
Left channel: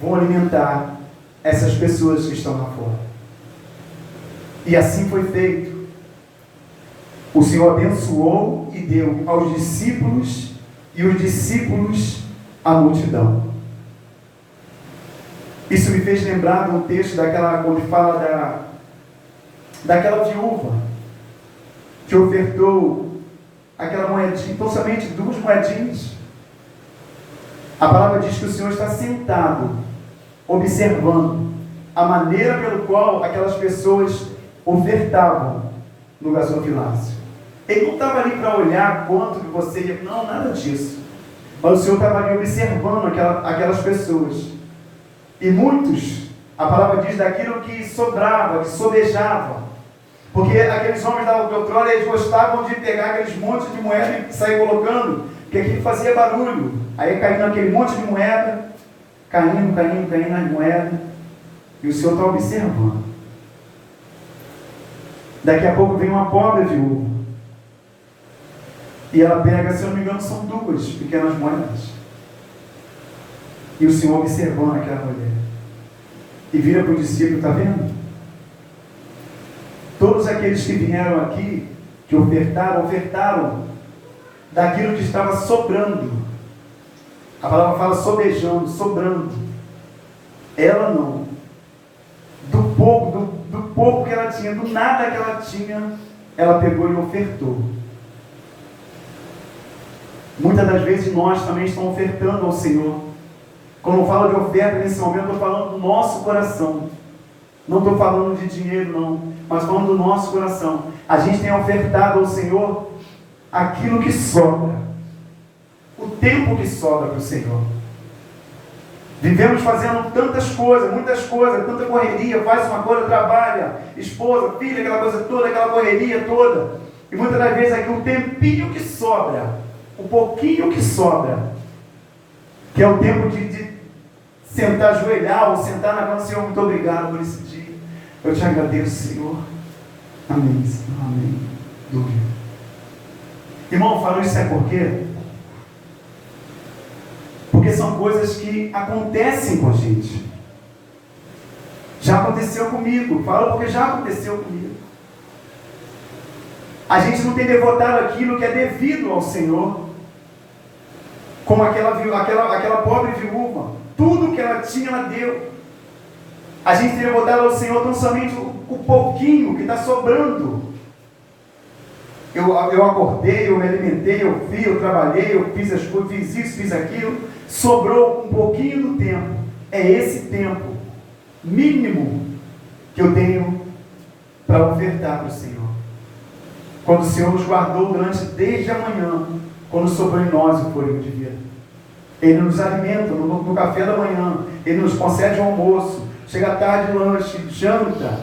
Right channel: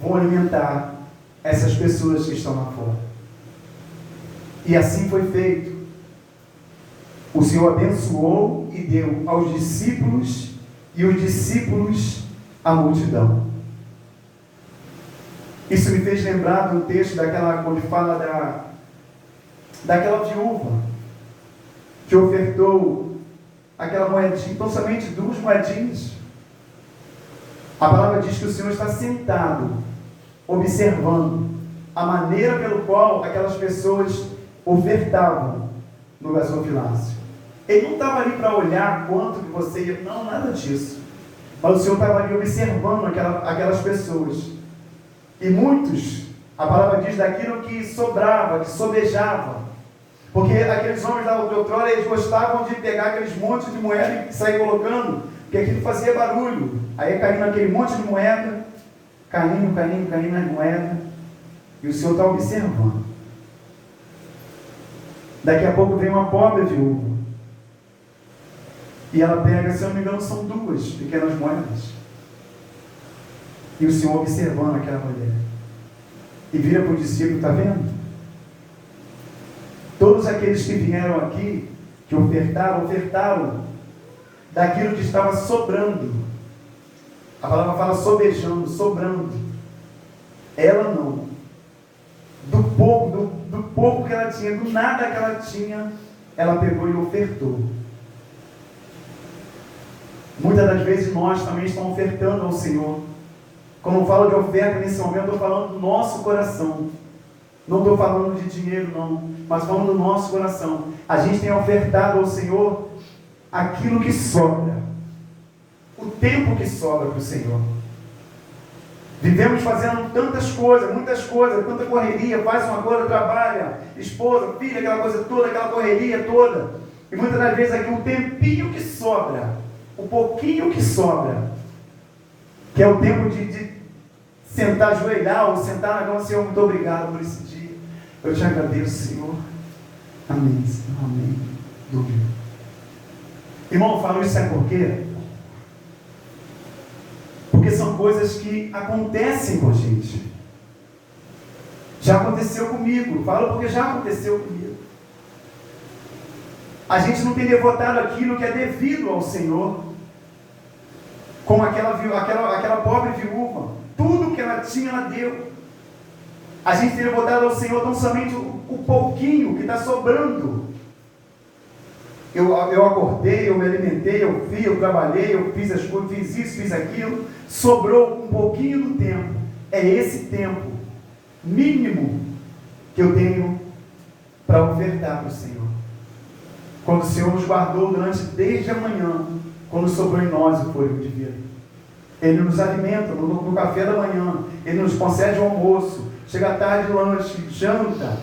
vão alimentar essas pessoas que estão lá fora. E assim foi feito. O Senhor abençoou e deu aos discípulos, e os discípulos à multidão. Isso me fez lembrar do texto quando fala daquela viúva que ofertou aquela moedinha, então somente 2 moedinhas. A palavra diz que o Senhor está sentado, observando a maneira pelo qual aquelas pessoas ofertavam no gasofilácio. Ele não estava ali para olhar quanto que você ia, não, nada disso. Mas o Senhor estava ali observando aquelas pessoas. E muitos, a palavra diz, daquilo que sobrava, que sobejava. Porque aqueles homens da outrora, eles gostavam de pegar aqueles montes de moeda e sair colocando, porque aquilo fazia barulho. Aí caindo aquele monte de moeda, caindo nas moedas. E o Senhor está observando. Daqui a pouco vem uma pobre viúva. E ela pega, se eu não me engano, são 2 pequenas moedas. E o Senhor observando aquela mulher. E vira para o discípulo, está vendo? Todos aqueles que vieram aqui, que ofertaram daquilo que estava sobrando. A palavra fala sobejando, sobrando. Ela não. Do pouco que ela tinha, do nada que ela tinha, ela pegou e ofertou. Muitas das vezes nós também estamos ofertando ao Senhor. Quando eu falo de oferta nesse momento, eu estou falando do nosso coração. Não estou falando de dinheiro não, mas falando do nosso coração. A gente tem ofertado ao Senhor aquilo que sobra. O tempo que sobra para o Senhor. Vivemos fazendo tantas coisas, muitas coisas, tanta correria, faz uma coisa, trabalha, esposa, filha, aquela coisa toda, aquela correria toda. E muitas das vezes aqui o tempinho que sobra, o pouquinho que sobra, que é o tempo de sentar, ajoelhar, ou sentar na cama, Senhor, muito obrigado por esse dia. Eu te agradeço, Senhor. Amém, Senhor, amém. Glória. Irmão, eu falo isso, sabe por quê? Porque são coisas que acontecem com a gente. Já aconteceu comigo. Falo porque já aconteceu comigo. A gente não tem devotado aquilo que é devido ao Senhor. Como aquela pobre viúva. Tudo que ela tinha, ela deu. A gente tem devotado ao Senhor tão somente o pouquinho que está sobrando. Eu acordei, eu me alimentei, eu trabalhei, eu fiz as coisas, fiz isso, fiz aquilo. Sobrou um pouquinho do tempo. É esse tempo mínimo que eu tenho para ofertar para o Senhor. Quando o Senhor nos guardou desde a manhã, quando sobrou em nós o fôlego de vida. Ele nos alimenta no café da manhã, Ele nos concede o almoço, chega à tarde, lanche, janta,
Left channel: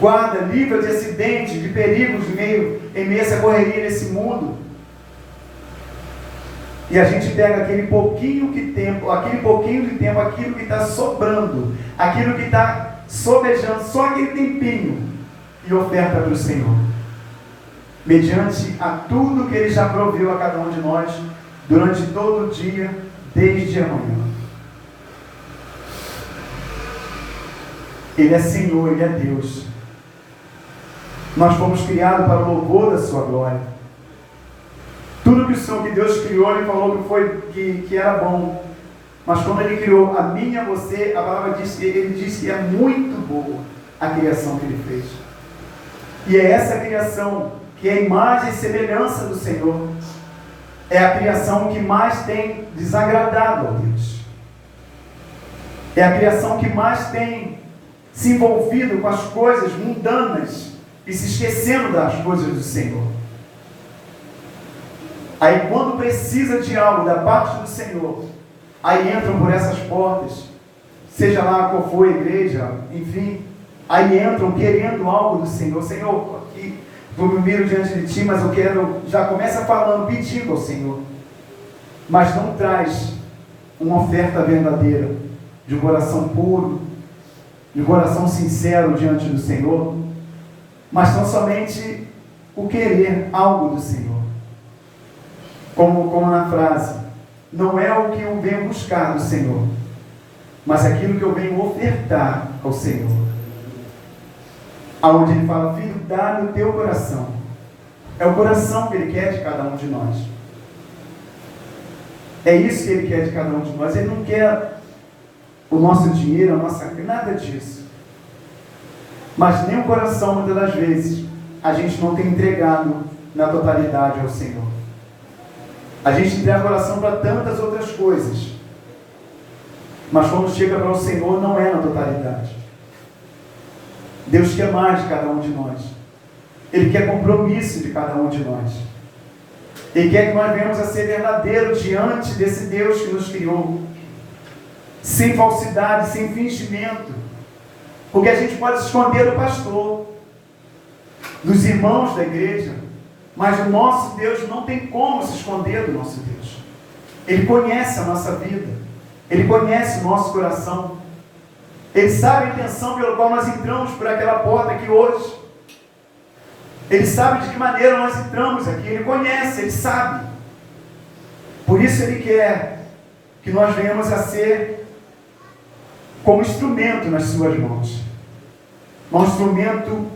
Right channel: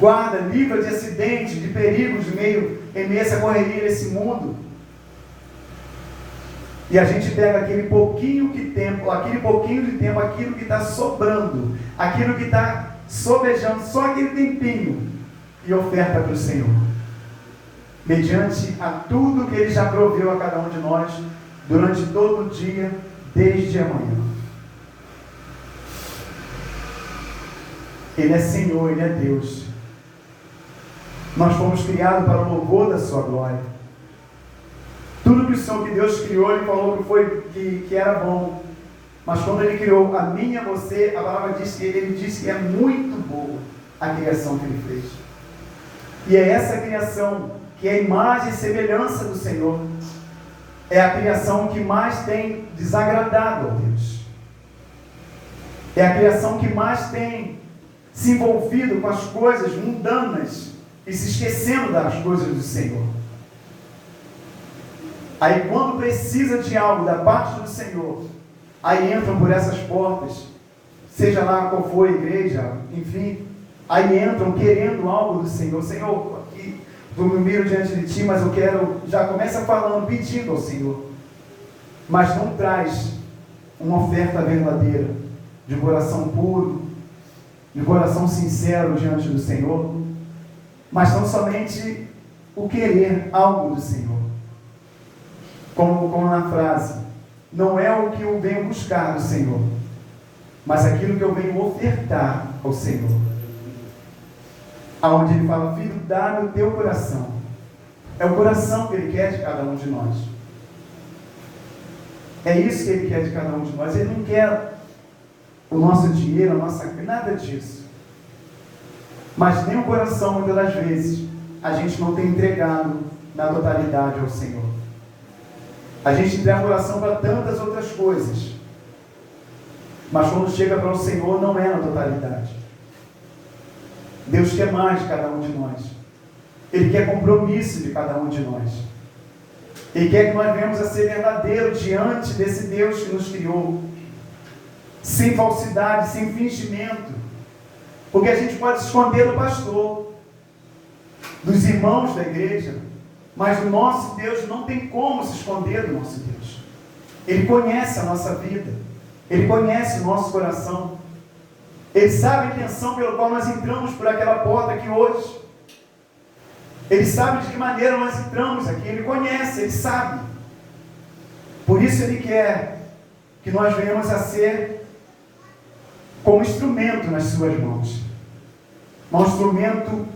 guarda, livra de acidentes, de perigos em meio a essa correria desse mundo. E a gente pega aquele pouquinho de tempo, aquilo que está sobrando, aquilo que está sobejando, só aquele tempinho, e oferta para o Senhor. Mediante a tudo que Ele já proveu a cada um de nós, durante todo o dia, desde amanhã. Ele é Senhor, Ele é Deus. Nós fomos criados para o louvor da sua glória. Tudo que o Senhor, que Deus criou, Ele falou que era bom. Mas quando Ele criou a mim e a você, a palavra diz que Ele disse que é muito boa a criação que Ele fez. E é essa criação que é a imagem e semelhança do Senhor. É a criação que mais tem desagradado a Deus. É a criação que mais tem se envolvido com as coisas mundanas e se esquecendo das coisas do Senhor. Aí quando precisa de algo da parte do Senhor, aí entram por essas portas, seja lá qual for a igreja, enfim, aí entram querendo algo do Senhor. Senhor, aqui eu me miro diante de Ti, mas eu quero, já começa falando, pedindo ao Senhor, mas não traz uma oferta verdadeira, de um coração puro, de um coração sincero diante do Senhor, mas não somente o querer algo do Senhor. Como na frase, não é o que eu venho buscar do Senhor, mas aquilo que eu venho ofertar ao Senhor. Aonde Ele fala, filho, dá-me o teu coração. É o coração que Ele quer de cada um de nós. É isso que Ele quer de cada um de nós. Ele não quer o nosso dinheiro, a nossa... nada disso. Mas nem o coração, muitas das vezes, a gente não tem entregado na totalidade ao Senhor. A gente entrega oração para tantas outras coisas. Mas quando chega para o Senhor, não é na totalidade. Deus quer mais de cada um de nós. Ele quer compromisso de cada um de nós. Ele quer que nós venhamos a ser verdadeiros diante desse Deus que nos criou. Sem falsidade, sem fingimento. Porque a gente pode se esconder do pastor, dos irmãos da igreja, mas o nosso Deus não tem como se esconder do nosso Deus. Ele conhece a nossa vida. Ele conhece o nosso coração. Ele sabe a intenção pela qual nós entramos por aquela porta aqui hoje. Ele sabe de que maneira nós entramos aqui. Ele conhece, Ele sabe. Por isso Ele quer que nós venhamos a ser como instrumento nas suas mãos. Um instrumento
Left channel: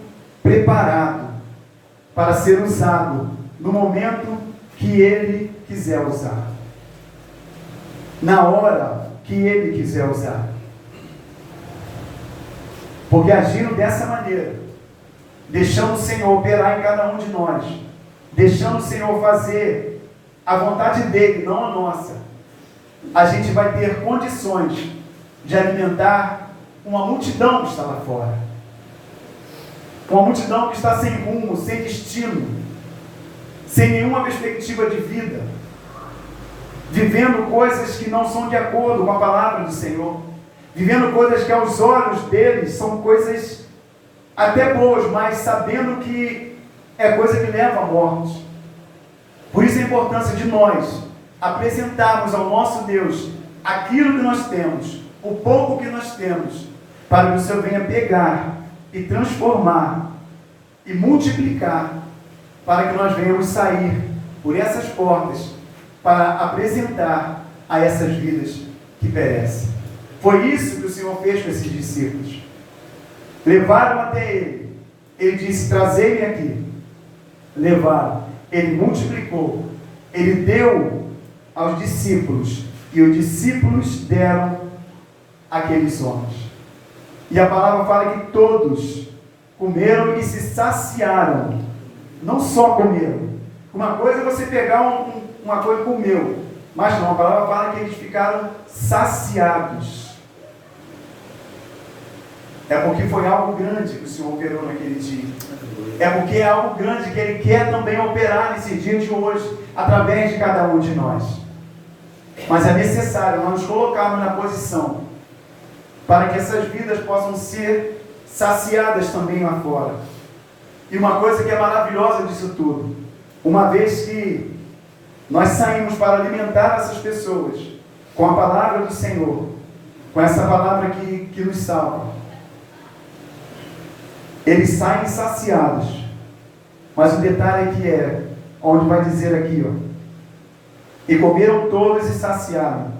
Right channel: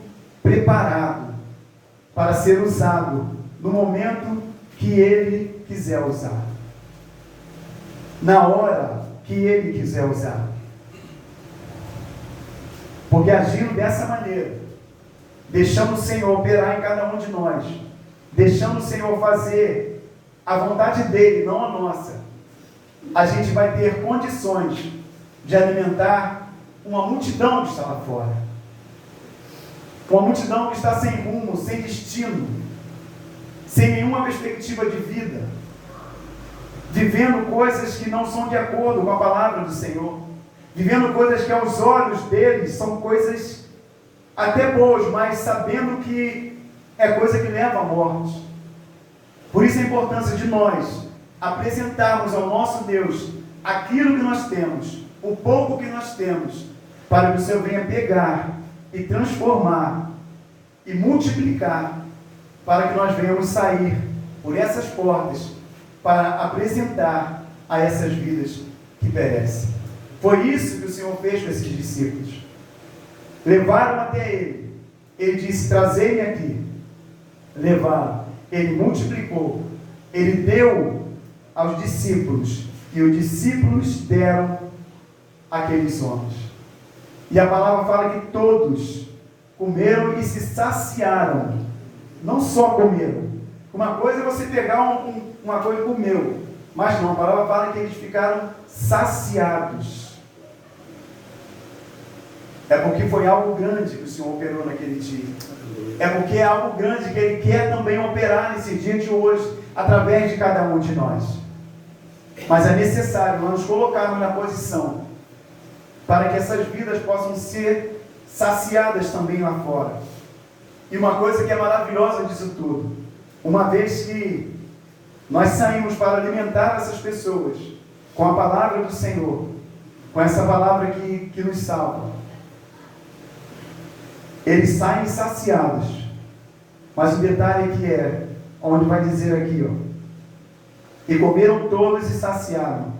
preparado para ser usado no momento que Ele quiser usar. Na hora que Ele quiser usar. Porque agindo dessa maneira, deixando o Senhor operar em cada um de nós, deixando o Senhor fazer a vontade dEle, não a nossa, a gente vai ter condições de alimentar uma multidão que está lá fora. Uma multidão que está sem rumo, sem destino, sem nenhuma perspectiva de vida, vivendo coisas que não são de acordo com a palavra do Senhor, vivendo coisas que aos olhos deles são coisas até boas, mas sabendo que é coisa que leva à morte. Por isso a importância de nós apresentarmos ao nosso Deus aquilo que nós temos, o pouco que nós temos, para que o Senhor venha pegar e transformar e multiplicar, para que nós venhamos sair por essas portas para apresentar a essas vidas que perecem. Foi isso que o Senhor fez com esses discípulos. Levaram até Ele. Ele disse: trazei-me aqui. Levaram. Ele multiplicou. Ele deu aos discípulos. E os discípulos deram àqueles homens. E a palavra fala que todos comeram e se saciaram. Não só comeram. Uma coisa é você pegar uma coisa e comeu. Mas não, a palavra fala que eles ficaram saciados. É porque foi algo grande que o Senhor operou naquele dia. É porque é algo grande que Ele quer também operar nesse dia de hoje, através de cada um de nós. Mas é necessário nós nos colocarmos na posição para que essas vidas possam ser saciadas também lá fora. E uma coisa que é maravilhosa disso tudo, uma vez que nós saímos para alimentar essas pessoas com a palavra do Senhor, com essa palavra que nos salva, eles saem saciados. Mas o detalhe aqui é, onde vai dizer aqui, e comeram todos e saciaram,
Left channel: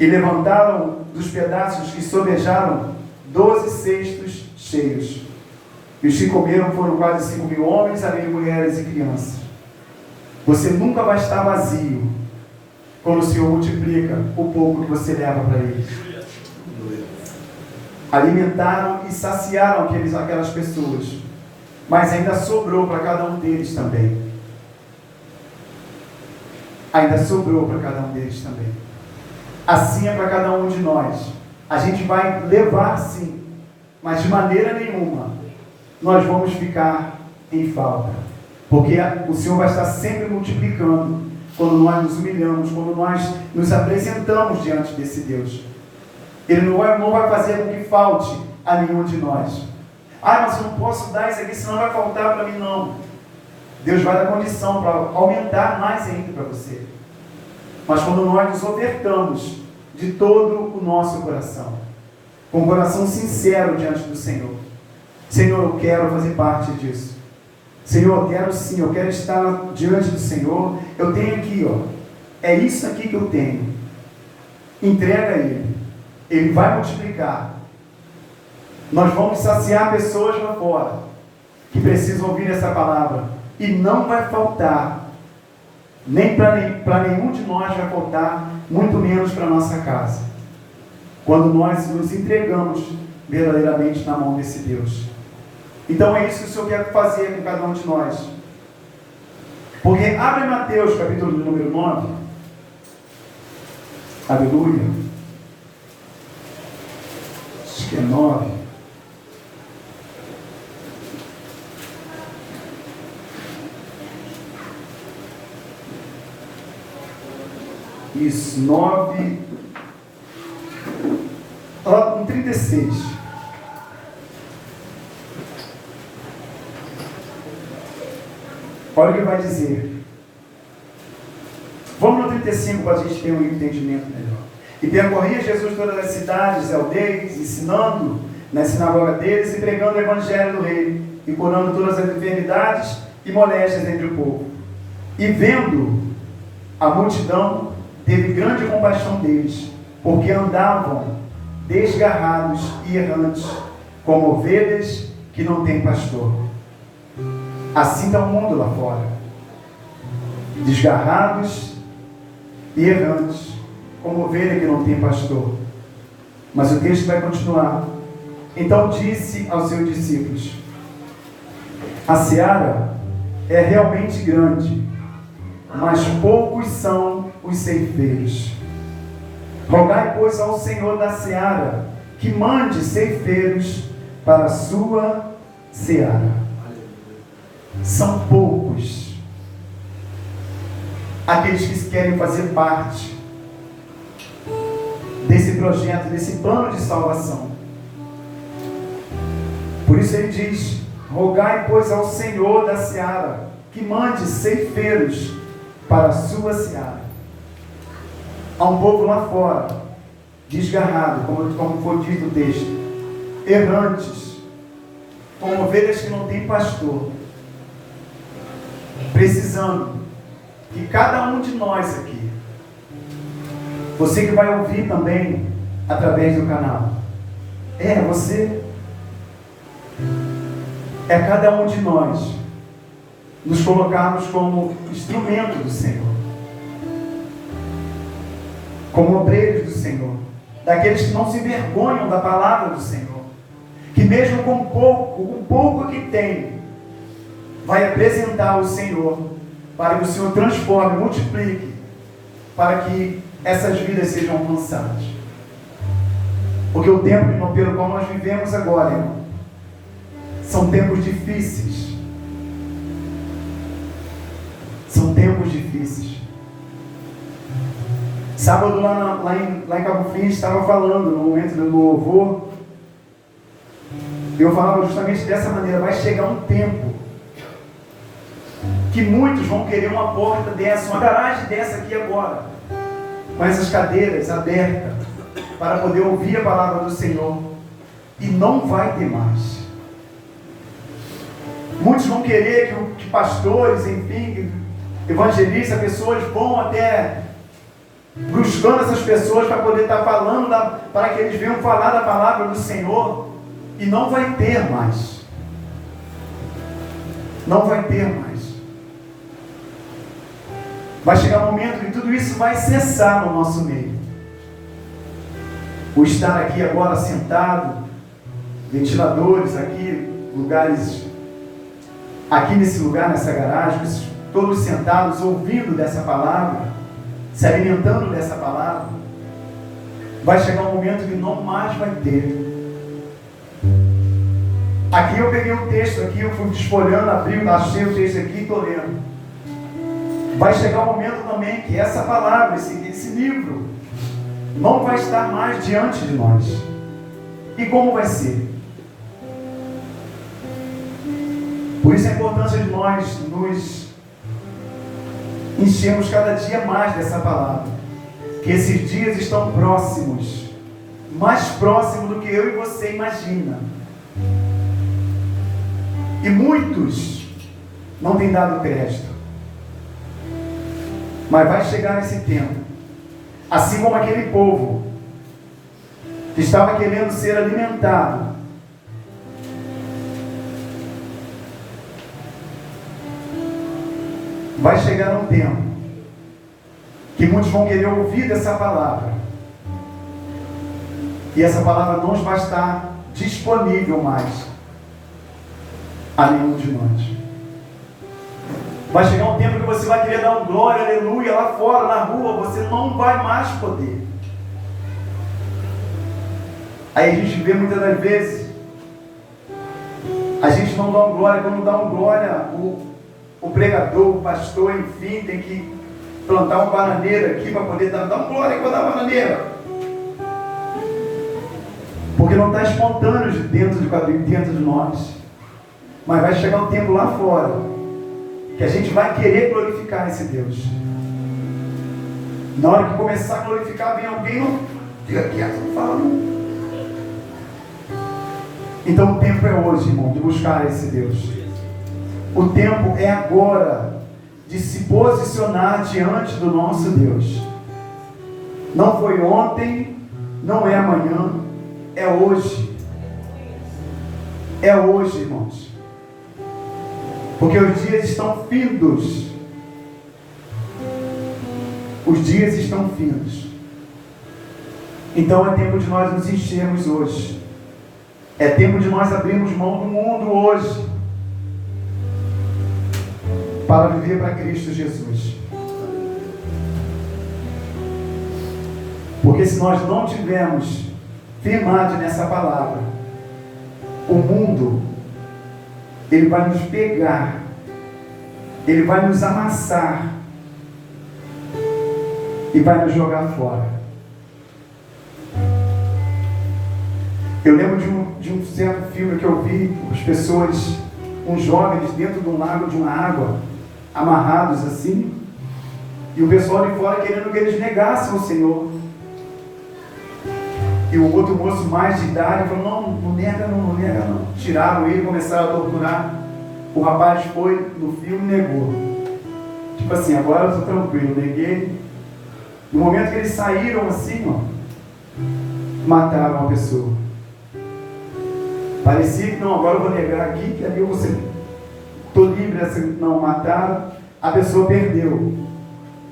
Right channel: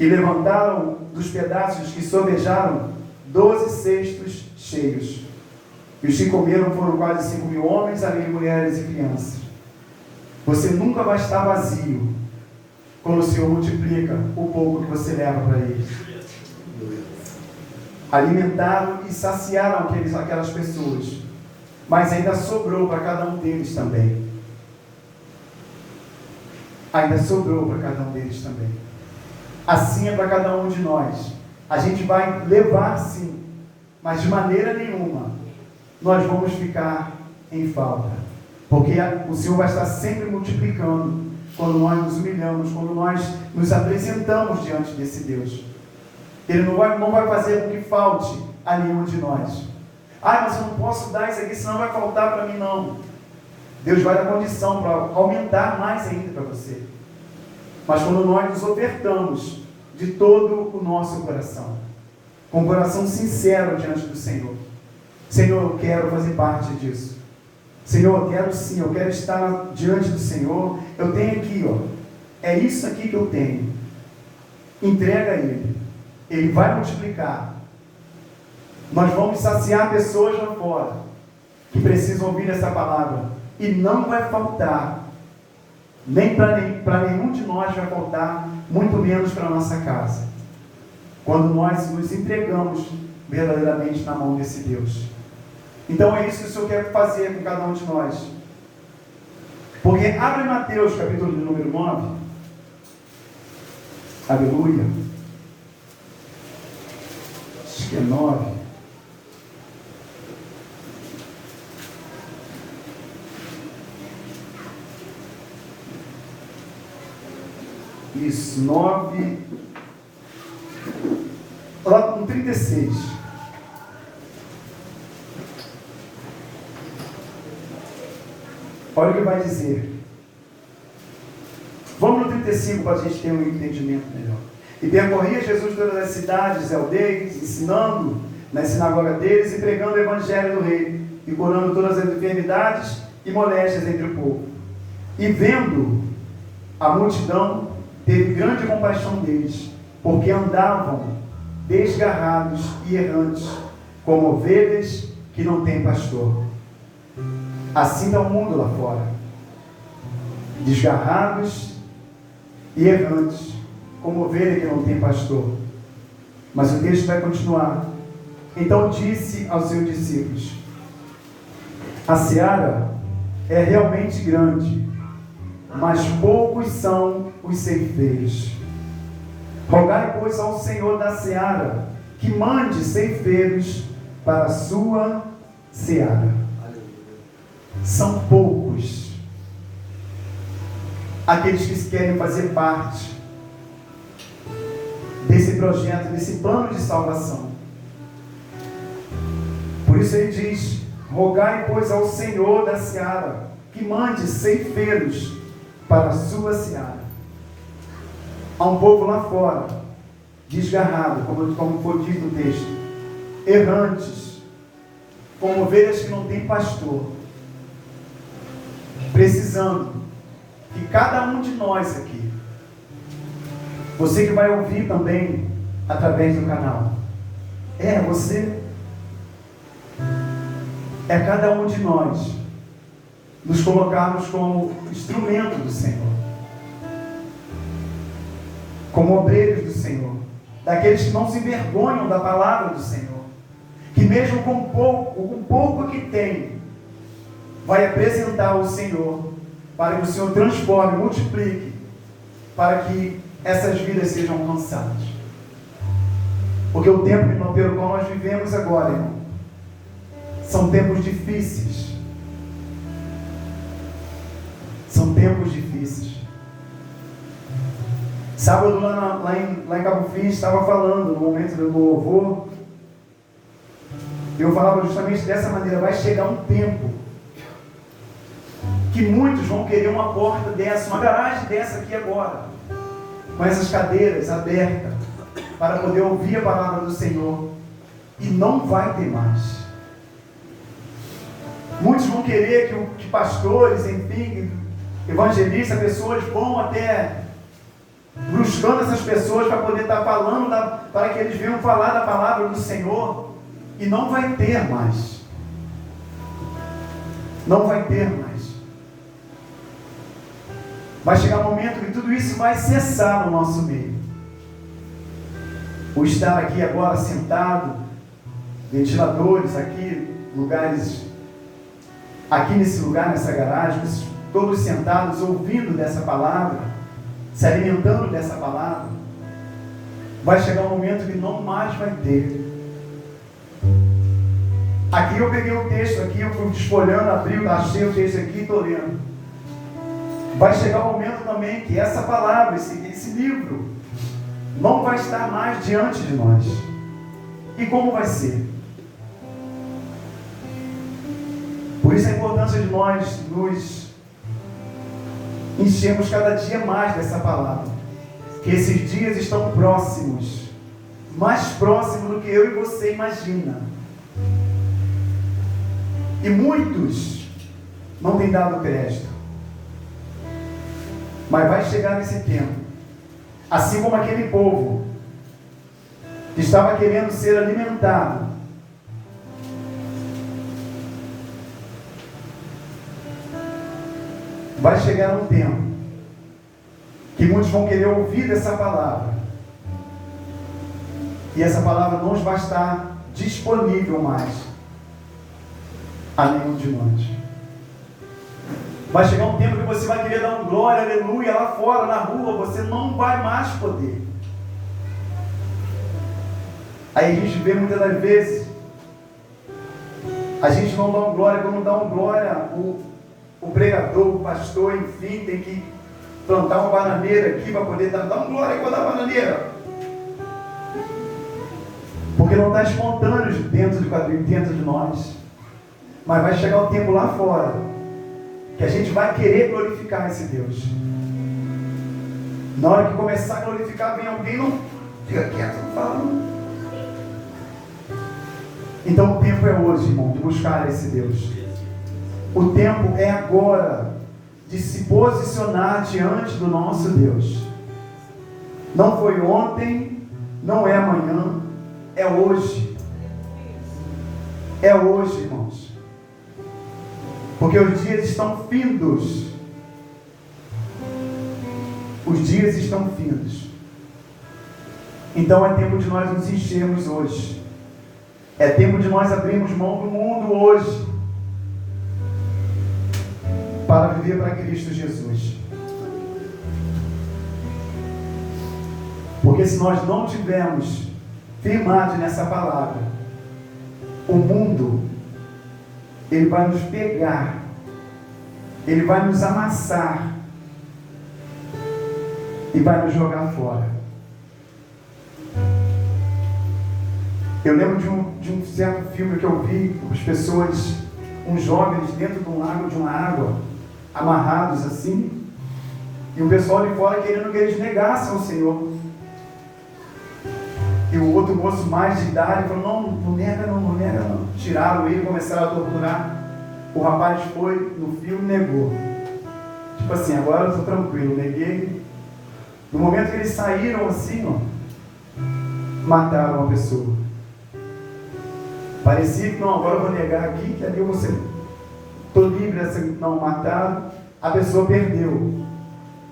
e levantaram dos pedaços que sobejaram 12 cestos cheios. E os que comeram foram quase 5.000 homens, além de mulheres e crianças. Você nunca vai estar vazio quando o Senhor multiplica o pouco que você leva para eles. Alimentaram e saciaram aquelas pessoas, mas ainda sobrou para cada um deles também. Ainda sobrou para cada um deles também. Assim é para cada um de nós. A gente vai levar sim, mas de maneira nenhuma nós vamos ficar em falta, porque o Senhor vai estar sempre multiplicando quando nós nos humilhamos, quando nós nos apresentamos diante desse Deus. Ele não vai fazer com que falte a nenhum de nós. Mas eu não posso dar isso aqui, senão vai faltar para mim. Não. Deus vai dar condição para aumentar mais ainda para você. Mas quando nós nos ofertamos de todo o nosso coração, com um coração sincero diante do Senhor: Senhor, eu quero fazer parte disso. Senhor, eu quero sim, eu quero estar diante do Senhor. Eu tenho aqui, é isso aqui que eu tenho. Entrega a Ele. Ele vai multiplicar. Nós vamos saciar pessoas lá fora que precisam ouvir essa palavra. E não vai faltar. Nem para nenhum de nós vai faltar, muito menos para a nossa casa. Quando nós nos entregamos verdadeiramente na mão desse Deus. Então é isso que o Senhor quer fazer com cada um de nós. Porque abre Mateus, capítulo número 9. Aleluia. Acho que é 9. Isso, 9. Lá com 36. Olha o que vai dizer. Vamos no 35 para a gente ter um entendimento melhor. E percorria Jesus todas as cidades, aldeias, ensinando nas sinagogas deles e pregando o evangelho do rei, e curando todas as enfermidades e moléstias entre o povo. E vendo a multidão, teve grande compaixão deles, porque andavam desgarrados e errantes, como ovelhas que não têm pastor. Assim está o mundo lá fora, desgarrados e errantes, como ovelha que não tem pastor. Mas o texto vai continuar. Então disse aos seus discípulos: a seara é realmente grande, mas poucos são os ceifeiros. Rogai, pois, ao Senhor da seara que mande ceifeiros para a sua seara. São poucos aqueles que querem fazer parte desse projeto, desse plano de salvação. Por isso ele diz: rogai, pois, ao Senhor da seara que mande ceifeiros para a sua seara. Há um povo lá fora, desgarrado, como foi dito no texto, errantes, como ovelhas que não têm pastor, precisando que cada um de nós aqui, você que vai ouvir também através do canal, você, cada um de nós, nos colocarmos como instrumento do Senhor, como obreiros do Senhor, daqueles que não se envergonham da palavra do Senhor, que mesmo com pouco que tem, vai apresentar ao Senhor, para que o Senhor transforme, multiplique, para que essas vidas sejam alcançadas. Porque o tempo pelo qual nós vivemos agora, irmão, são tempos difíceis. São tempos difíceis. Sábado lá em Cabo Fim, estava falando no momento do louvor, eu falava justamente dessa maneira: vai chegar um tempo que muitos vão querer uma porta dessa, uma garagem dessa aqui agora, com essas cadeiras abertas, para poder ouvir a palavra do Senhor, e não vai ter mais. Muitos vão querer que pastores, enfim, evangelistas, pessoas vão até buscando essas pessoas para poder estar falando, para que eles venham falar da palavra do Senhor, e não vai ter mais. Não vai ter mais. Vai chegar um momento que tudo isso vai cessar no nosso meio. O estar aqui agora sentado, ventiladores aqui, lugares, aqui nesse lugar, nessa garagem, todos sentados ouvindo dessa palavra, se alimentando dessa palavra, vai chegar um momento que não mais vai ter. Aqui eu peguei o texto aqui, eu fui desfolhando, abri, achei o texto aqui e estou lendo. Vai chegar um momento também que essa palavra, esse livro, não vai estar mais diante de nós. E como vai ser? Por isso a importância de nós nos enchermos cada dia mais dessa palavra. Que esses dias estão próximos, mais próximos do que eu e você imagina. E muitos não têm dado crédito. Mas vai chegar esse tempo, assim como aquele povo que estava querendo ser alimentado, vai chegar um tempo que muitos vão querer ouvir dessa palavra, e essa palavra não vai estar disponível mais a nenhum de nós. Vai chegar um tempo que você vai querer dar um glória, aleluia, lá fora, na rua, você não vai mais poder. Aí a gente vê muitas das vezes, a gente não dá um glória, quando dá um glória, o pregador, o pastor, enfim, tem que plantar uma bananeira aqui para poder dar um glória quando dá bananeira. Porque não está espontâneo dentro de nós. Mas vai chegar um tempo lá fora que a gente vai querer glorificar esse Deus. Na hora que começar a glorificar, vem alguém, não fica quieto, não fala não. Então o tempo é hoje, irmão, de buscar esse Deus. O tempo é agora de se posicionar diante do nosso Deus. Não foi ontem, não é amanhã, é hoje. É hoje, irmãos. Porque os dias estão findos. Os dias estão findos. Então é tempo de nós nos enchermos hoje. É tempo de nós abrirmos mão do mundo hoje para viver para Cristo Jesus. Porque se nós não tivermos firmade nessa palavra, o mundo, ele vai nos pegar, ele vai nos amassar e vai nos jogar fora. Eu lembro de um certo filme que eu vi, as pessoas, uns jovens dentro de um lago, de uma água, amarrados assim, e o pessoal de fora querendo que eles negassem o Senhor. E o outro moço mais de idade falou, não nega não. Tiraram ele, começaram a torturar. O rapaz foi, no filme, negou. Tipo assim, agora eu estou tranquilo, neguei. No momento que eles saíram assim, ó, mataram uma pessoa. Parecia que, não, agora eu vou negar aqui, que ali eu vou ser, estou livre, assim, não, mataram. A pessoa perdeu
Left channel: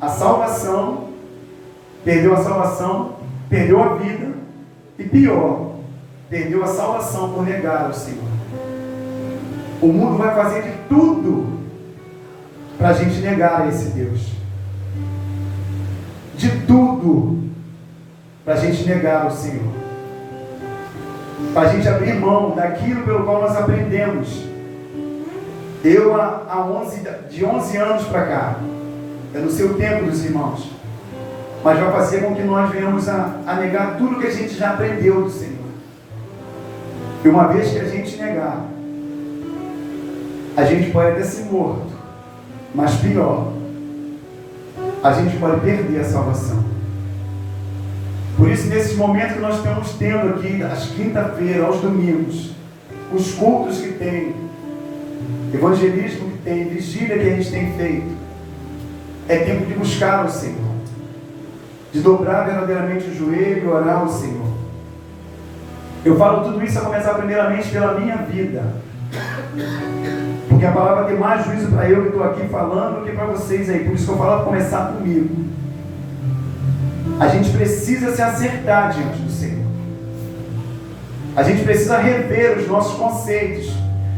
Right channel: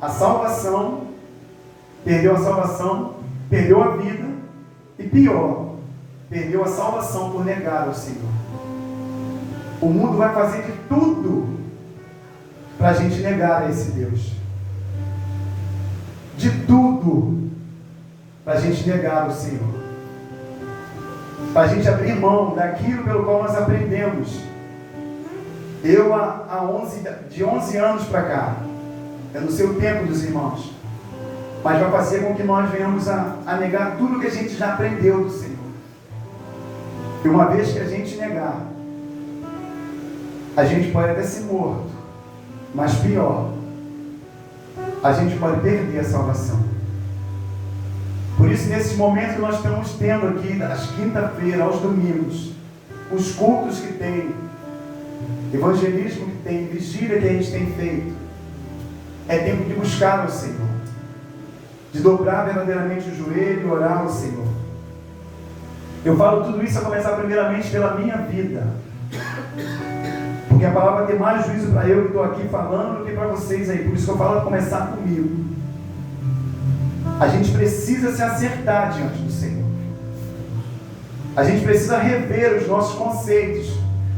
a salvação, perdeu a vida, e pior, perdeu a salvação por negar o Senhor. O mundo vai fazer de tudo para a gente negar esse Deus. De tudo para a gente negar o Senhor. Para a gente abrir mão daquilo pelo qual nós aprendemos. Eu, de 11 anos para cá, é no seu tempo dos irmãos, mas vai fazer com que nós venhamos a negar tudo que a gente já aprendeu do Senhor. E uma vez que a gente negar, a gente pode até ser morto, mas pior, a gente pode perder a salvação. Por isso, nesses momentos que nós estamos tendo aqui, às quinta-feiras, aos domingos, os cultos que tem, evangelismo que tem, vigília que a gente tem feito, é tempo de buscar o Senhor, de dobrar verdadeiramente o joelho e orar ao Senhor. Eu falo tudo isso a começar primeiramente pela minha vida, porque a palavra tem mais juízo para eu que estou aqui falando do que para vocês aí. Por isso que eu falo a começar comigo. A gente precisa se acertar diante do Senhor. A gente precisa rever os nossos conceitos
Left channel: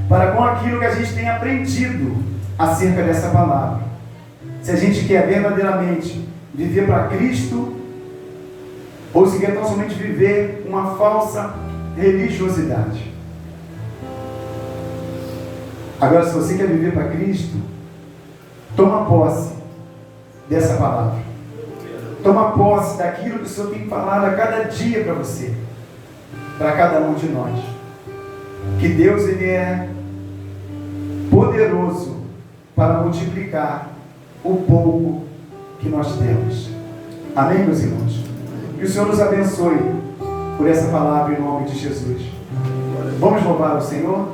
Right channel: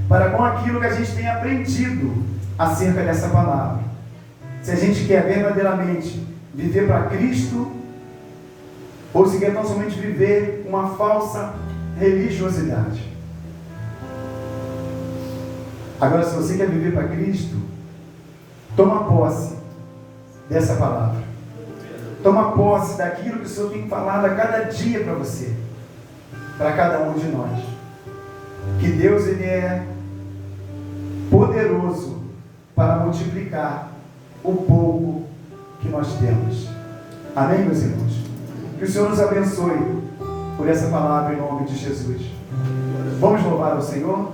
para com aquilo que a gente tem aprendido acerca dessa palavra. Se a gente quer verdadeiramente viver para Cristo, ou se quer tão somente viver uma falsa religiosidade. Agora, se você quer viver para Cristo, toma posse dessa palavra. Toma posse daquilo que o Senhor tem falado a cada dia para você, para cada um de nós. Que Deus, Ele é poderoso para multiplicar o pouco que nós temos. Amém, meus irmãos? Que o Senhor nos abençoe por essa palavra em nome de Jesus. Vamos louvar o Senhor?